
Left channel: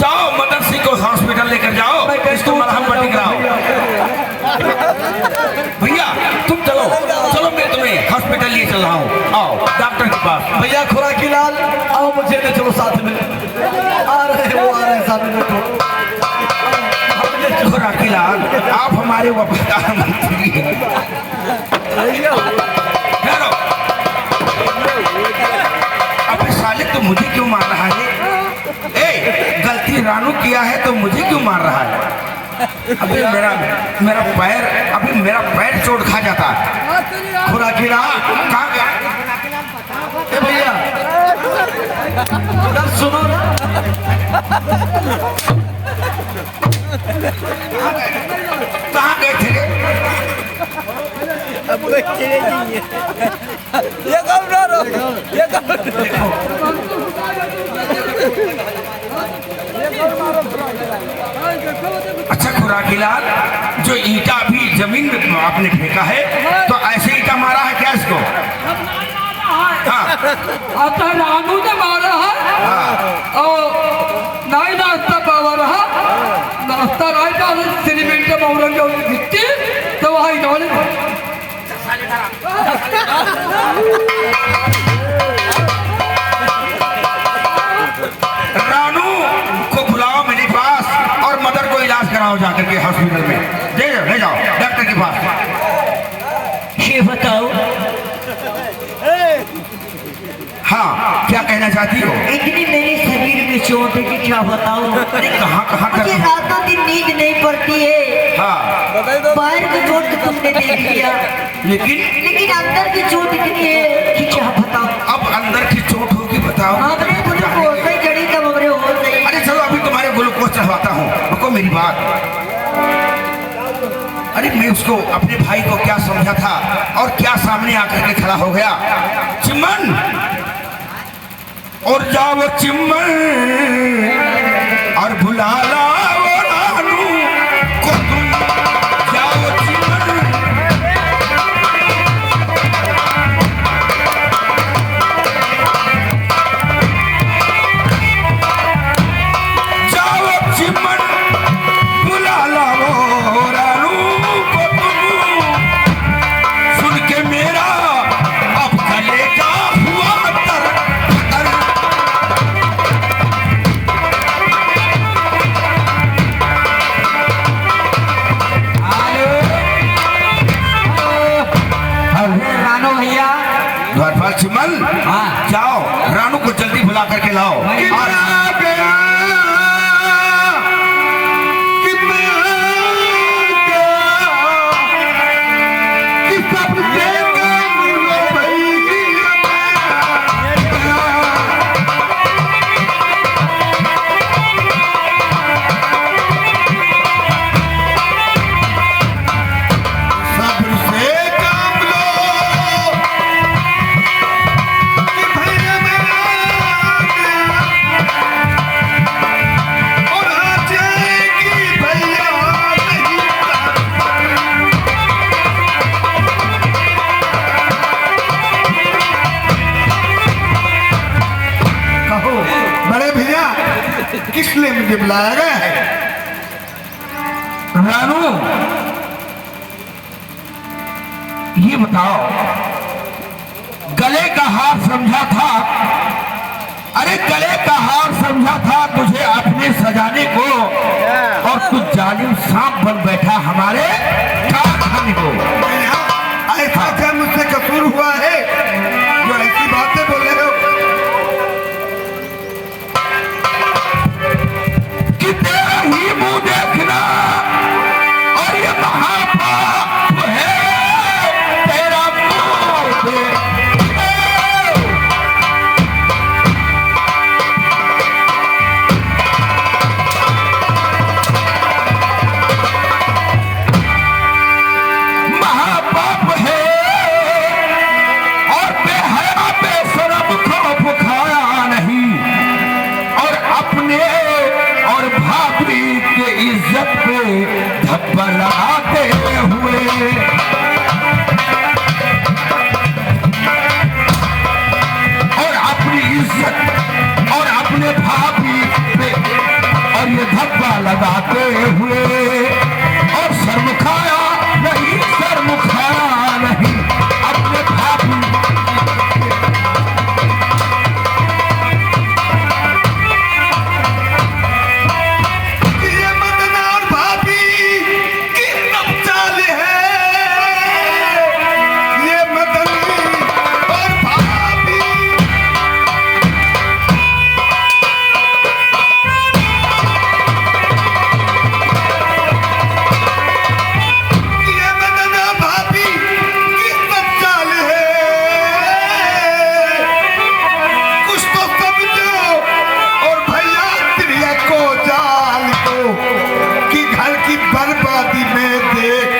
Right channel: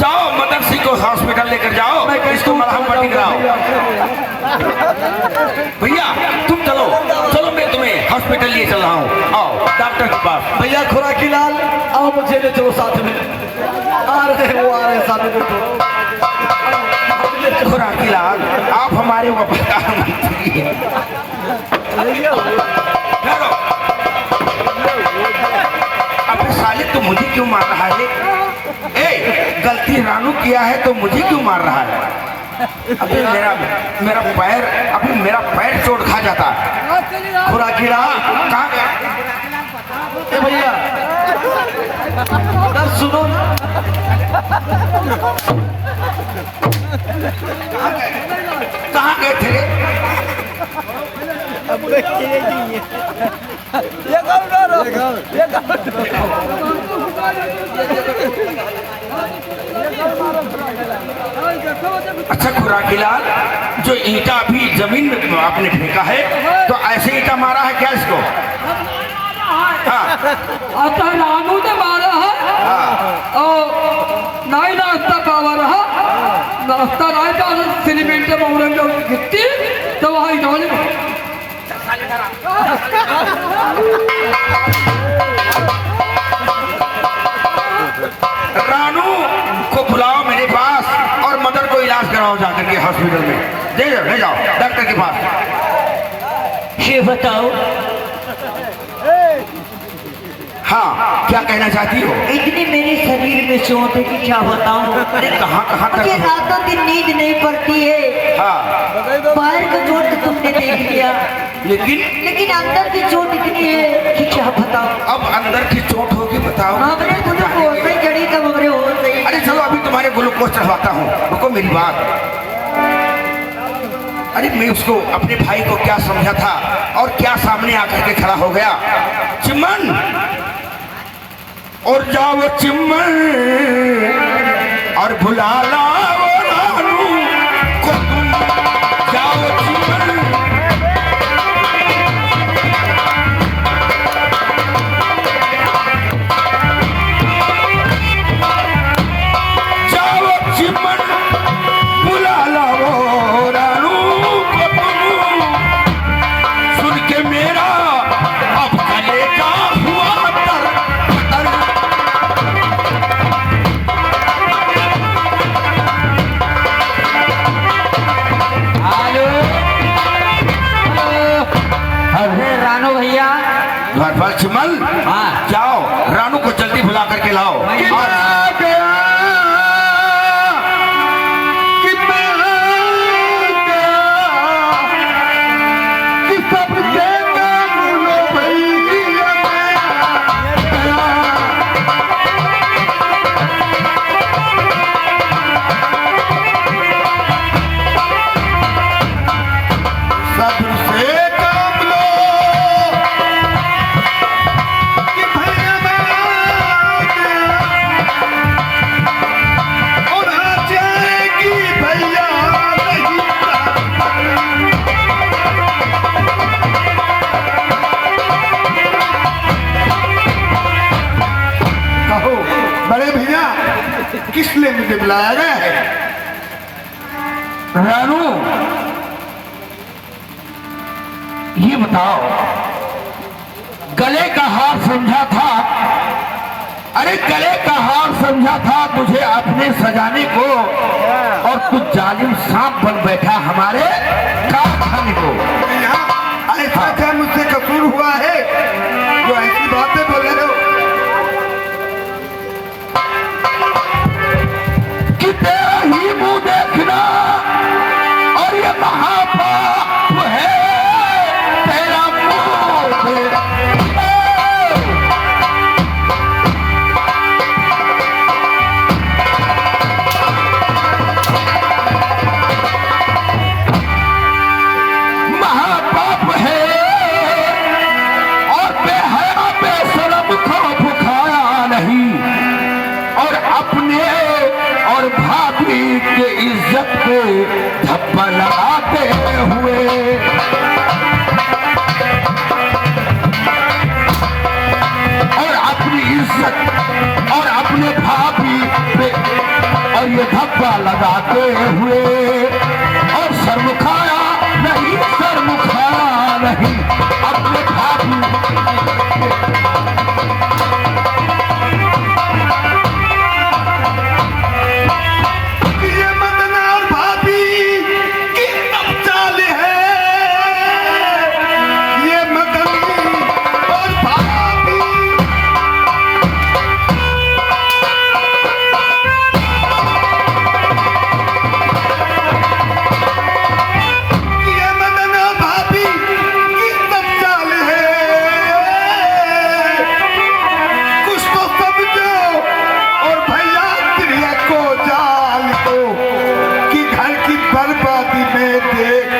जाओ, मदन सिंह को हॉस्पिटल लेकर जाओ, इसको मलहम पट्टी कराओ। भैया तुम चलो चलो, मैं तुम्हें हॉस्पिटल लिए चल रहा हूँ। आओ डॉक्टर के पास। भैया खुराकी लाल आओ, मुझे ले चलो साथ में। आ रहे हैं, वो आ रहे हैं साथ में। खुराकी लाल, आप हमारे वफादार मंत्री हैं। ठहरो। अबे साले, तू मुझे क्यों मार रहा है? ए, गलती रानू किया है तो मुझे क्यों मार रहा है? अबे मेरा पैर चोट खा जाता। खुराकी लाल कहाँ गया? ए भैया अगर सुनो ना, कहाँ गए थे रे? अच्छा खुराकी लाल, जो ईंटा अभी जमीन में आपने फेंका है, तो ऐसे ईंटा मारा है क्या इसको? हाँ। अच्छा रानू ने मारा है और नहीं नाश्ता पावर है, नाश्ता नहीं पावर सीमेंट में उड़न जो गिट्टी तो वहाँ इधर रानू को बुलाओ मेरे पास और मदर को इलाज कराओ जाकर के हॉस्पिटल में। ले जाओ डॉक्टर के पास। ये बताओ, हाँ, क्या कहना चाहती हो? इतनी मेरे शरीर में चोट है कि क्या बताऊं। अरे कहाँ मुझे रातों दिन नींद नहीं पड़ती है। हाँ, बाहर का चोट तो तुमने देख लिया, लेकिन अंदर की चोट इतनी है कि क्या बताऊं। अब अंदर की चोट होगी, बताओ। हमरे ग्लूकोज नहीं चढ़ी तब हमरे हो गई। अरे चलो, अभी तुम्हारे ग्लूकोज चढ़वाता हूँ, रुको मेरी बात। अरे मैं उसको, अपने भाई को क्या समझा था और क्या सामने आकर के खड़ा हो गया। चिमन, और जाओ चिमन और भुला लाओ रानू को तुम। जाओ चिमन, जाओ चिमन, भुला लाओ रानू को तुम। सुन के मेरा अब कलेजा हुआ तर तर। रानू भैया, द्वारपाल चिमन, हाँ। जाओ रानू को जल्दी बुला करके लाओ। बड़े भैया, किस लिए मुझे बुलाया गया है? रानू, ये बताओ, गले का हार समझा था, अरे गले का हार समझा था तुझे अपने सजाने को, और कुछ जालिम सांप बन बैठा हमारे कारखाने को। ऐसा क्या मुझसे इज्जत पे धब्बा लगाते हुए। और अपनी इज्जत और अपने भाभी पे और ये धब्बा लगाते हुए। और शर्म खाया नहीं, शर्म खाया नहीं अपने भाभी। ये मदन और भाभी की तब चाल है, ये मदन और भाभी। ये मदन और भाभी की तब चाल है, कुछ तो समझो और भैया त्रिया को जाल दो कि घर की बर्बादी में देख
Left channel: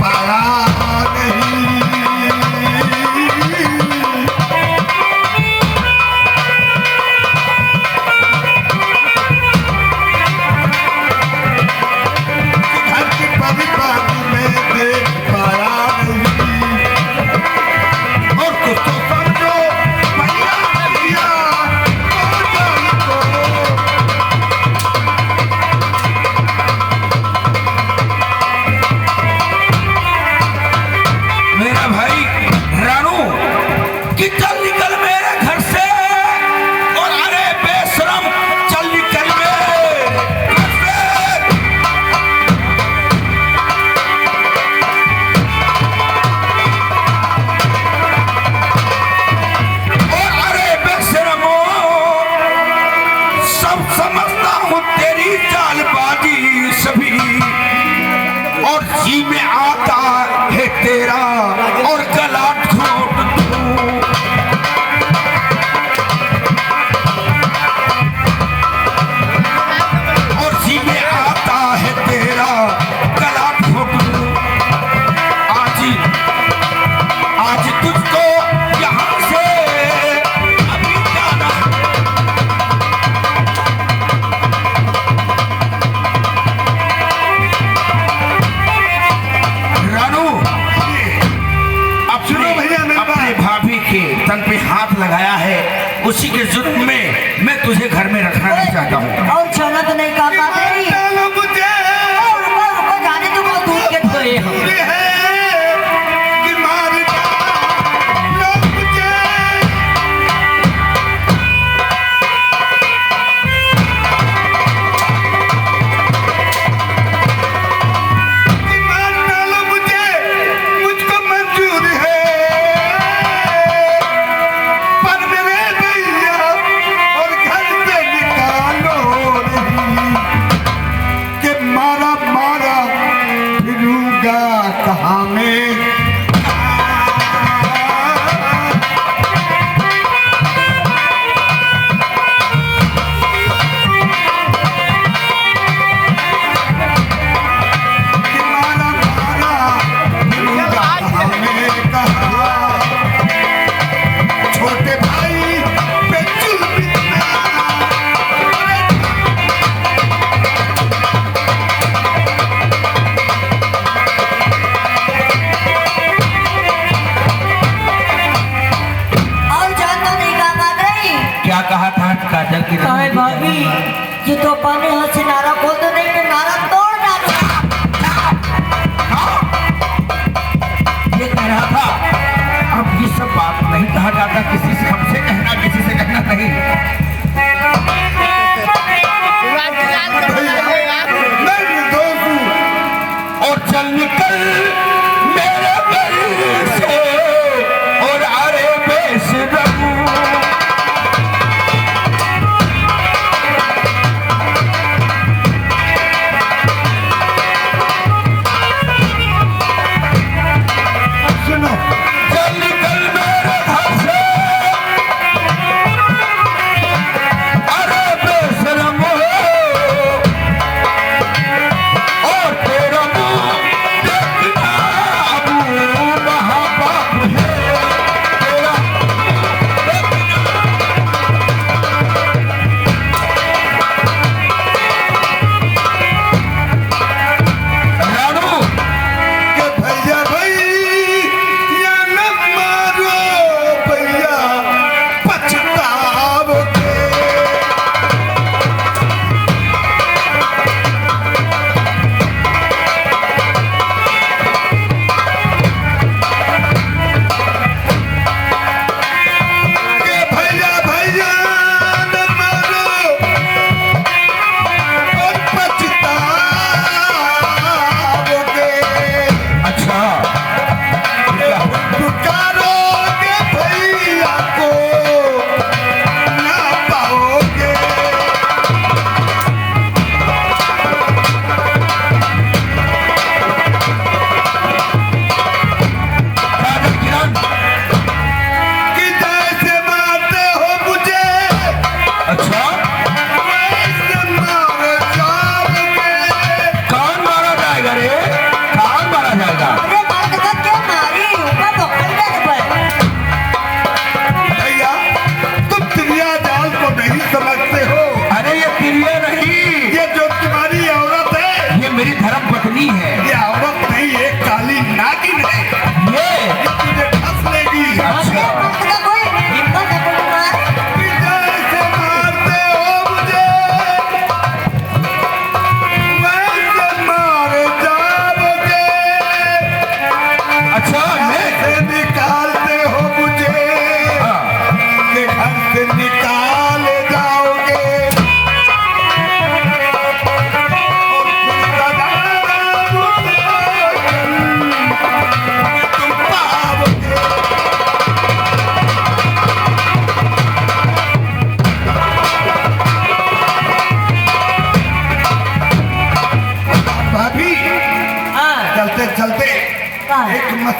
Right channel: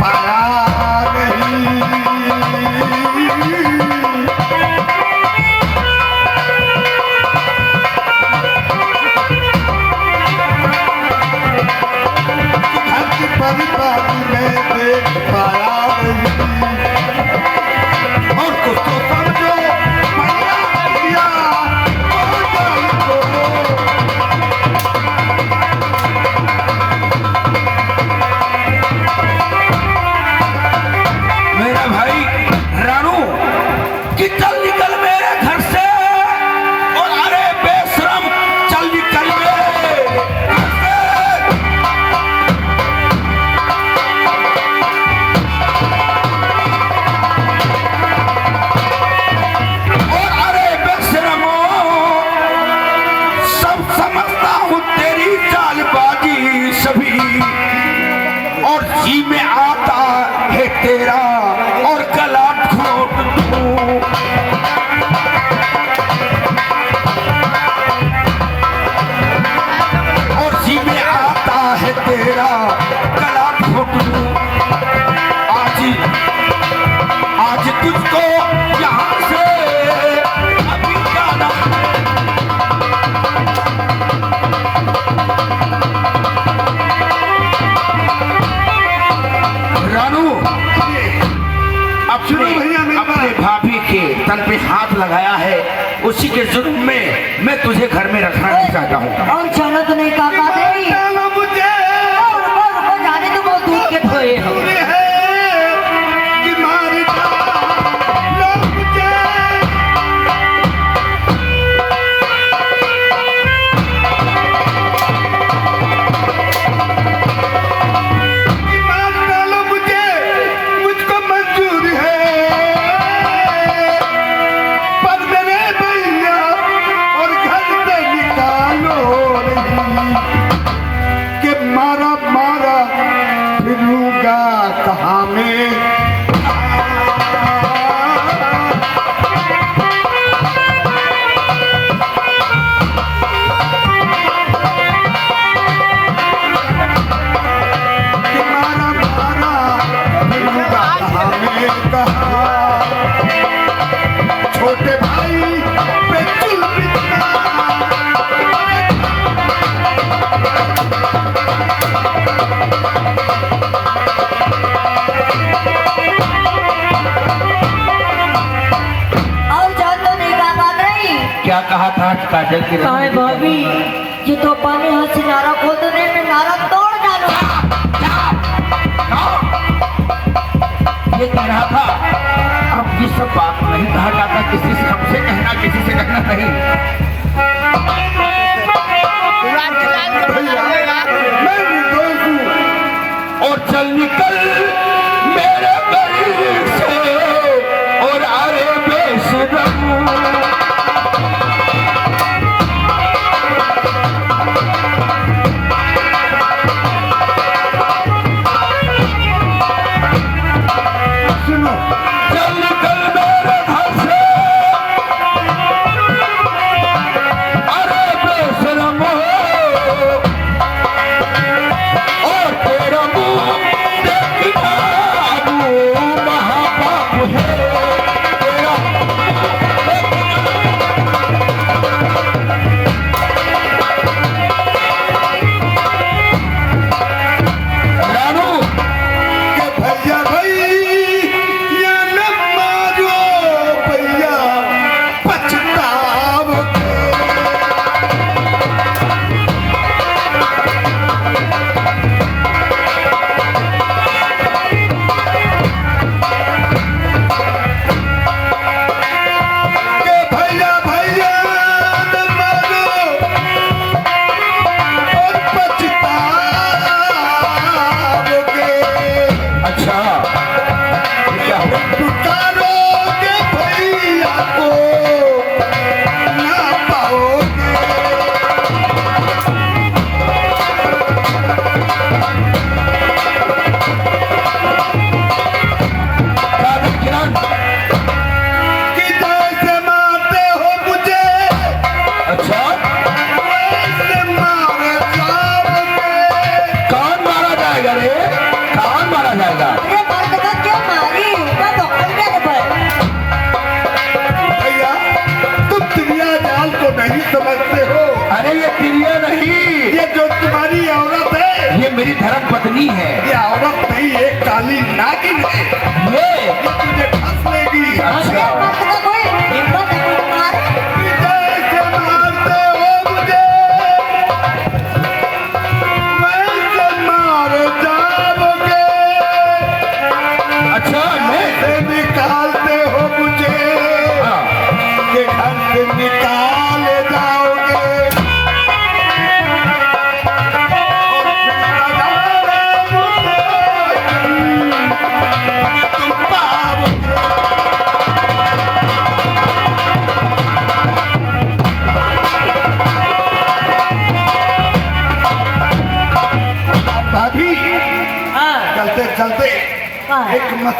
पाया नहीं। कि घर की बर्बादी में देख पाया नहीं। और कुछ तो समझो भैया त्रिया को जाल दो। मेरा भाई रानू कि चल निकल मेरे घर से। और अरे बेशरम चल निकल मेरे घर से। और अरे बेशरमो, सब समझता हूँ तेरी चालबाजी सभी। और जी में आता है तेरा और गला घोट दूं। और जी में आता है तेरा गला घोट दूं। आज तुझको यहाँ से अभी जाना। रानू सुनो भैया मेरी अपने बात। भाभी के तन पे हाथ लगाया है, उसी के जुर्म में मैं तुझे घर में रखना नहीं चाहता हूँ। और चला तो नहीं कहा नहीं। डालो मुझे रुको जाने तो बहुत दूर के ठोए हम। पूरे है कि मार डालो मुझे। कि मार डालो मुझे, मुझको मंजूर है। पर मेरे भैया और घर से निकालो नहीं कि मारा मारा फिरूंगा कहाँ में। कि मारा मारा फिरूंगा कहाँ में कहाँ। छोटे भाई पे चुल बितना। और जान तो नहीं कहा नहीं। क्या कहा था काजल की कहा है भाभी ये तो पानी हाथ से नारा खोल दो नहीं मैं नारा तोड़ डालूंगा। ये कह रहा था अब ये सब बात नहीं कहा जाता, किसी से हमसे कहना, किसी से कहना नहीं। मैं निर्दोष हूँ। और चल निकल मेरे घर से। और अरे बेशरम, सुनो चल निकल मेरे घर से।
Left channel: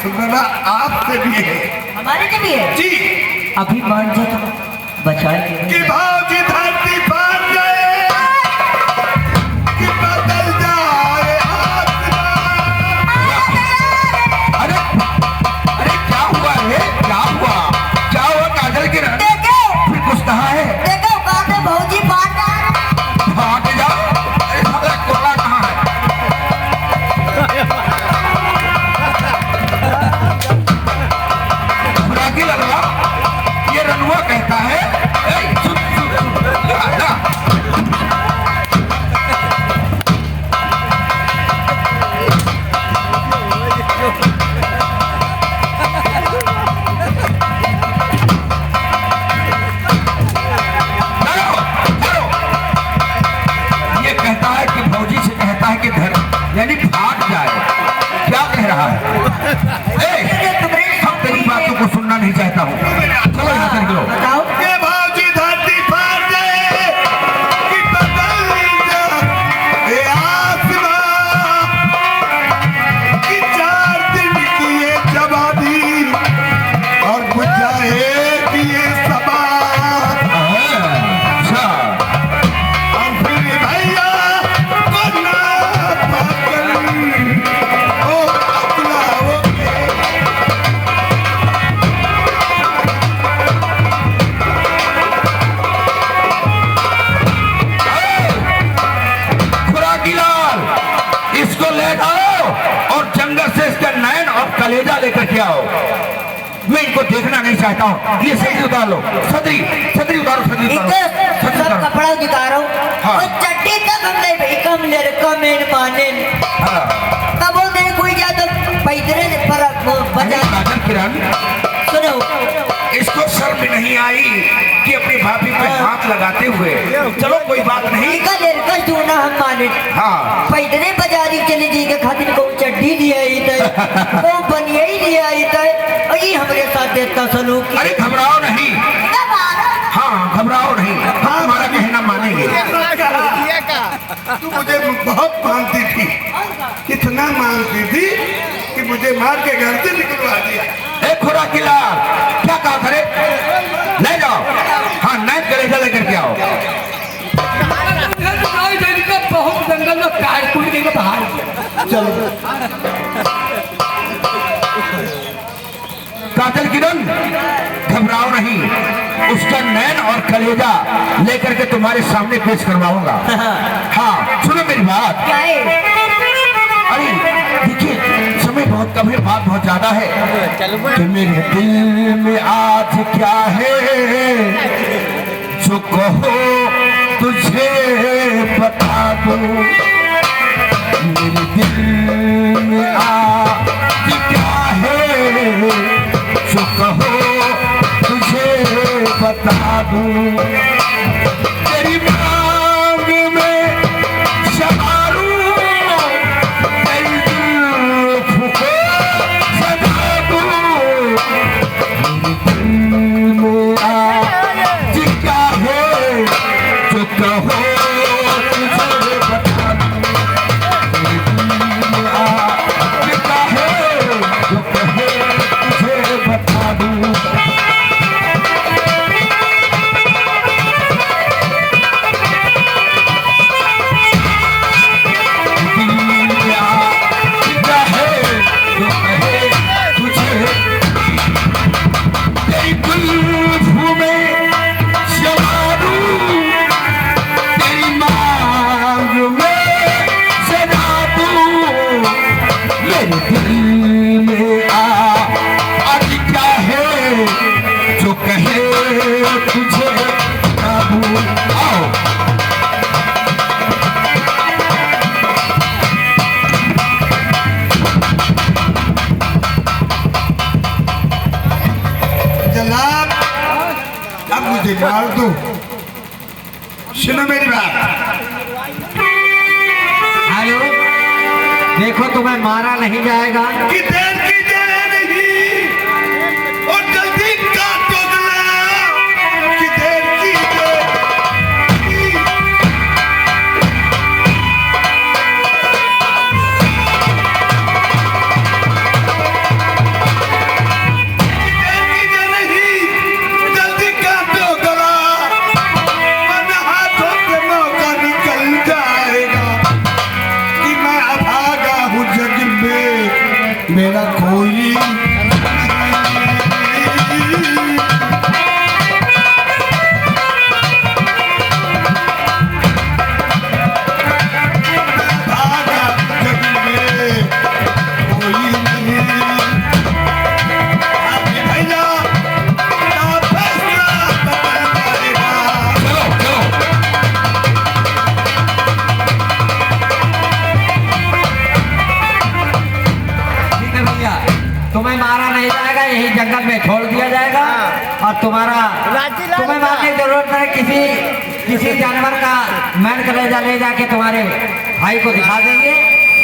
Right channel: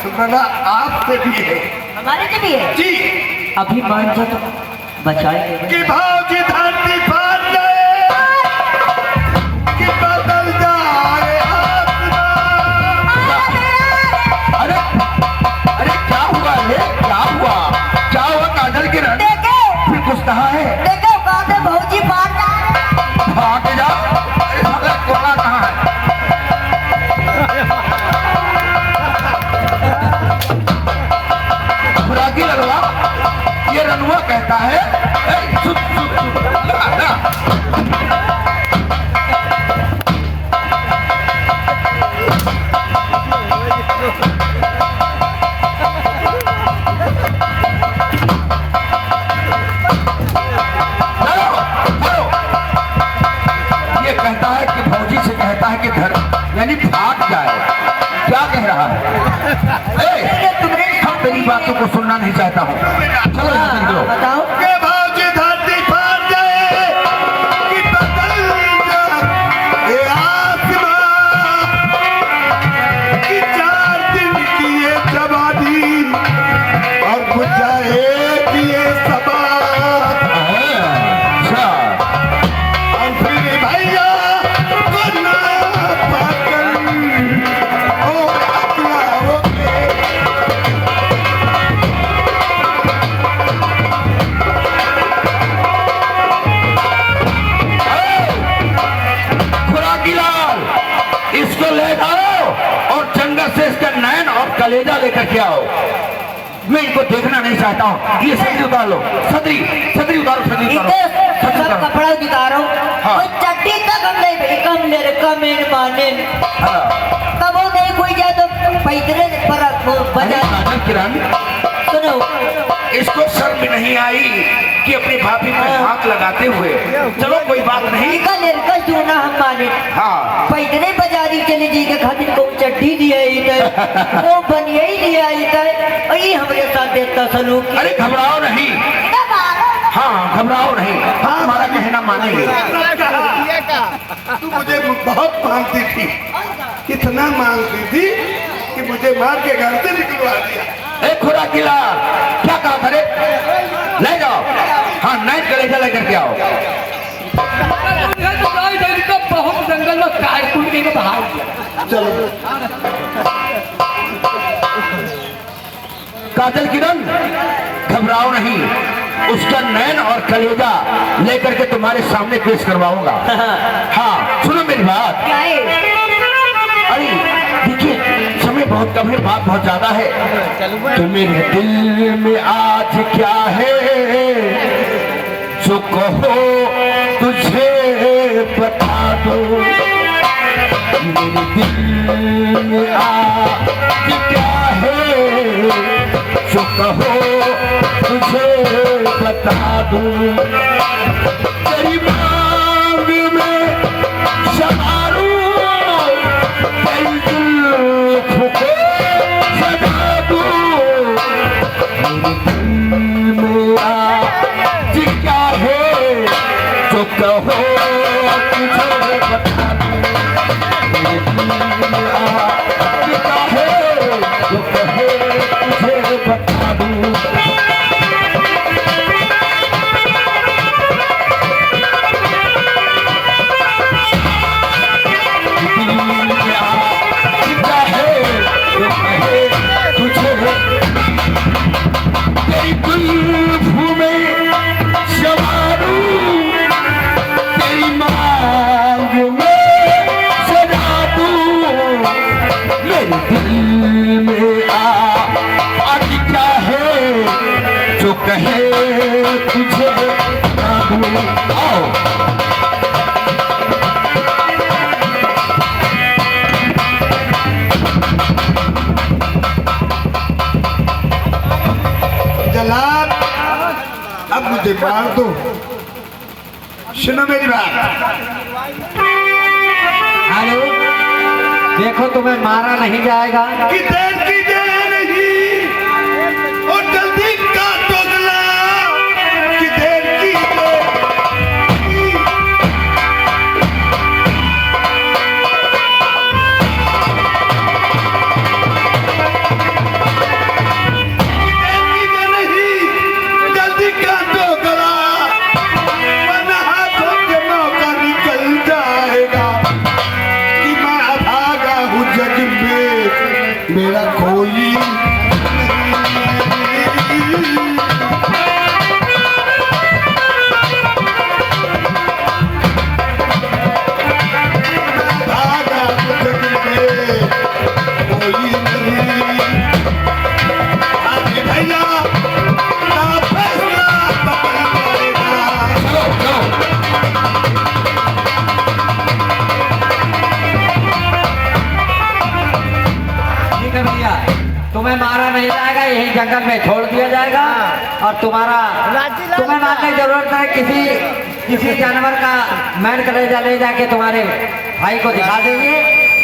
सुनना आपसे भी है हमारे लिए भी है। जी अभी मान जा तो बचाएंगे। कि भौजी धरती फाड़ जाए कि बदल जाए आसमान। अरे अरे क्या हुआ है, क्या हुआ काजल किरण? देखो फिर कुछ कहा है? देखो बातें भौजी बात आ रहे हैं। भाग जा। अरे साला कोला कहाँ है? खुराकी लड़वा, ये रनुआ कहता है, "ए, चुप, चुप, चुप, लगा, लगा।" ये कहता है कि भौजी से कहता है कि घर यानी भाग जाए। क्या कह रहा है? ए, हम तेरी बातों को सुनना नहीं चाहता हूँ। चलो यहाँ से निकलो। बताओ कि भौजी धरती फाड़ जाए कि बदल जाए आसमान। कि 4 दिन की ये जवानी और बुझाए कि ये सबा। अच्छा, और फिर भैया को ना पकड़ ओ अकलाओगे। खुराकी लाल, इसको ले जाओ और जंगल से इसके नैन और कलेजा लेकर के आओ। मैं इनको देखना नहीं चाहता हूँ। ये सदरी उतार लो, सदरी सदरी उतारो, सदरी उतारो, इधर सदरी सब उतारो। कपड़ा दिखा हाँ। और चट्टी तक हम नहीं भाई कम ले कम इन माने हाँ। कब नहीं कोई जा तो पैदरे पर अरे बजा काजल किरण, सुनो इसको शर्म नहीं आई कि अपनी भाभी पे हाथ लगाते हुए। चलो कोई बात नहीं। इनका लड़का सुना हम माने हाँ, पैदरे बाजारी चली जी के खातिर को चड्डी दिया ही थे वो बनिया ही दिया ही थे वही हमारे साथ देता सलूक अरे घबराओ नहीं। हाँ, घबराओ नहीं, हाँ हमारा कहना मानेंगे। तू मुझे बहुत मानती थी, इतना मानती थी कि मुझे मार के घर से निकलवा दिया। ए खुराकी लाल, क्या कहा करे? ले जाओ, हाँ नैन कलेजा लेकर के आओ। बहुत जंगल में काट कूट के बाहर चलो काजल किरण, घबराओ नहीं, उसका नैन और कलेजा लेकर के तुम्हारे सामने पेश करवाऊंगा। हाँ सुनो मेरी बात। अरे देखिए समय बहुत कम है, बात बहुत ज्यादा है। तो मेरे दिल में आज क्या है जो कहो तुझे बता दूं। मेरे दिल में आज क्या है जो कहो तुझे बता दूं। तेरी मांग में शमारूं, तेरी जुल्फ को सजा दूं। मेरे दिल में आज क्या है जो कहो तुझे बता दूं। मेरे दिल में आज क्या है जो कहो तुझे बता दूं। दिल में आज क्या है जो कहे तुझे बता दूं। आओ जलाल, अब मुझे मार दो। सुनो मेरी बात। हेलो, देखो तुम्हें मारा नहीं जाएगा। कि देर की देर नहीं और जल्दी काटो गला। कि देर की देर नहीं। नहीं जाएगा, यही जंगल में छोड़ दिया जाएगा और तुम्हारा तुम्हें मारने की जरूरत है। किसी जानवर का मैन कलेजा ले जाके तुम्हारे भाई को दिखा देंगे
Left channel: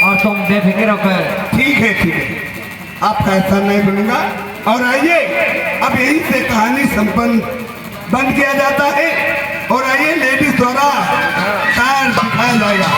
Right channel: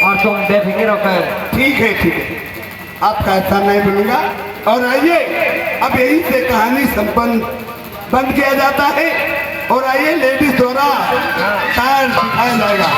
और तुम बेफिक्र होकर। ठीक है, आपका ऐसा नहीं बोलूंगा। और आइए, अब यही से कहानी संपन्न बंद किया जाता है और आइए लेडीज द्वारा टायर दिखाया जाएगा।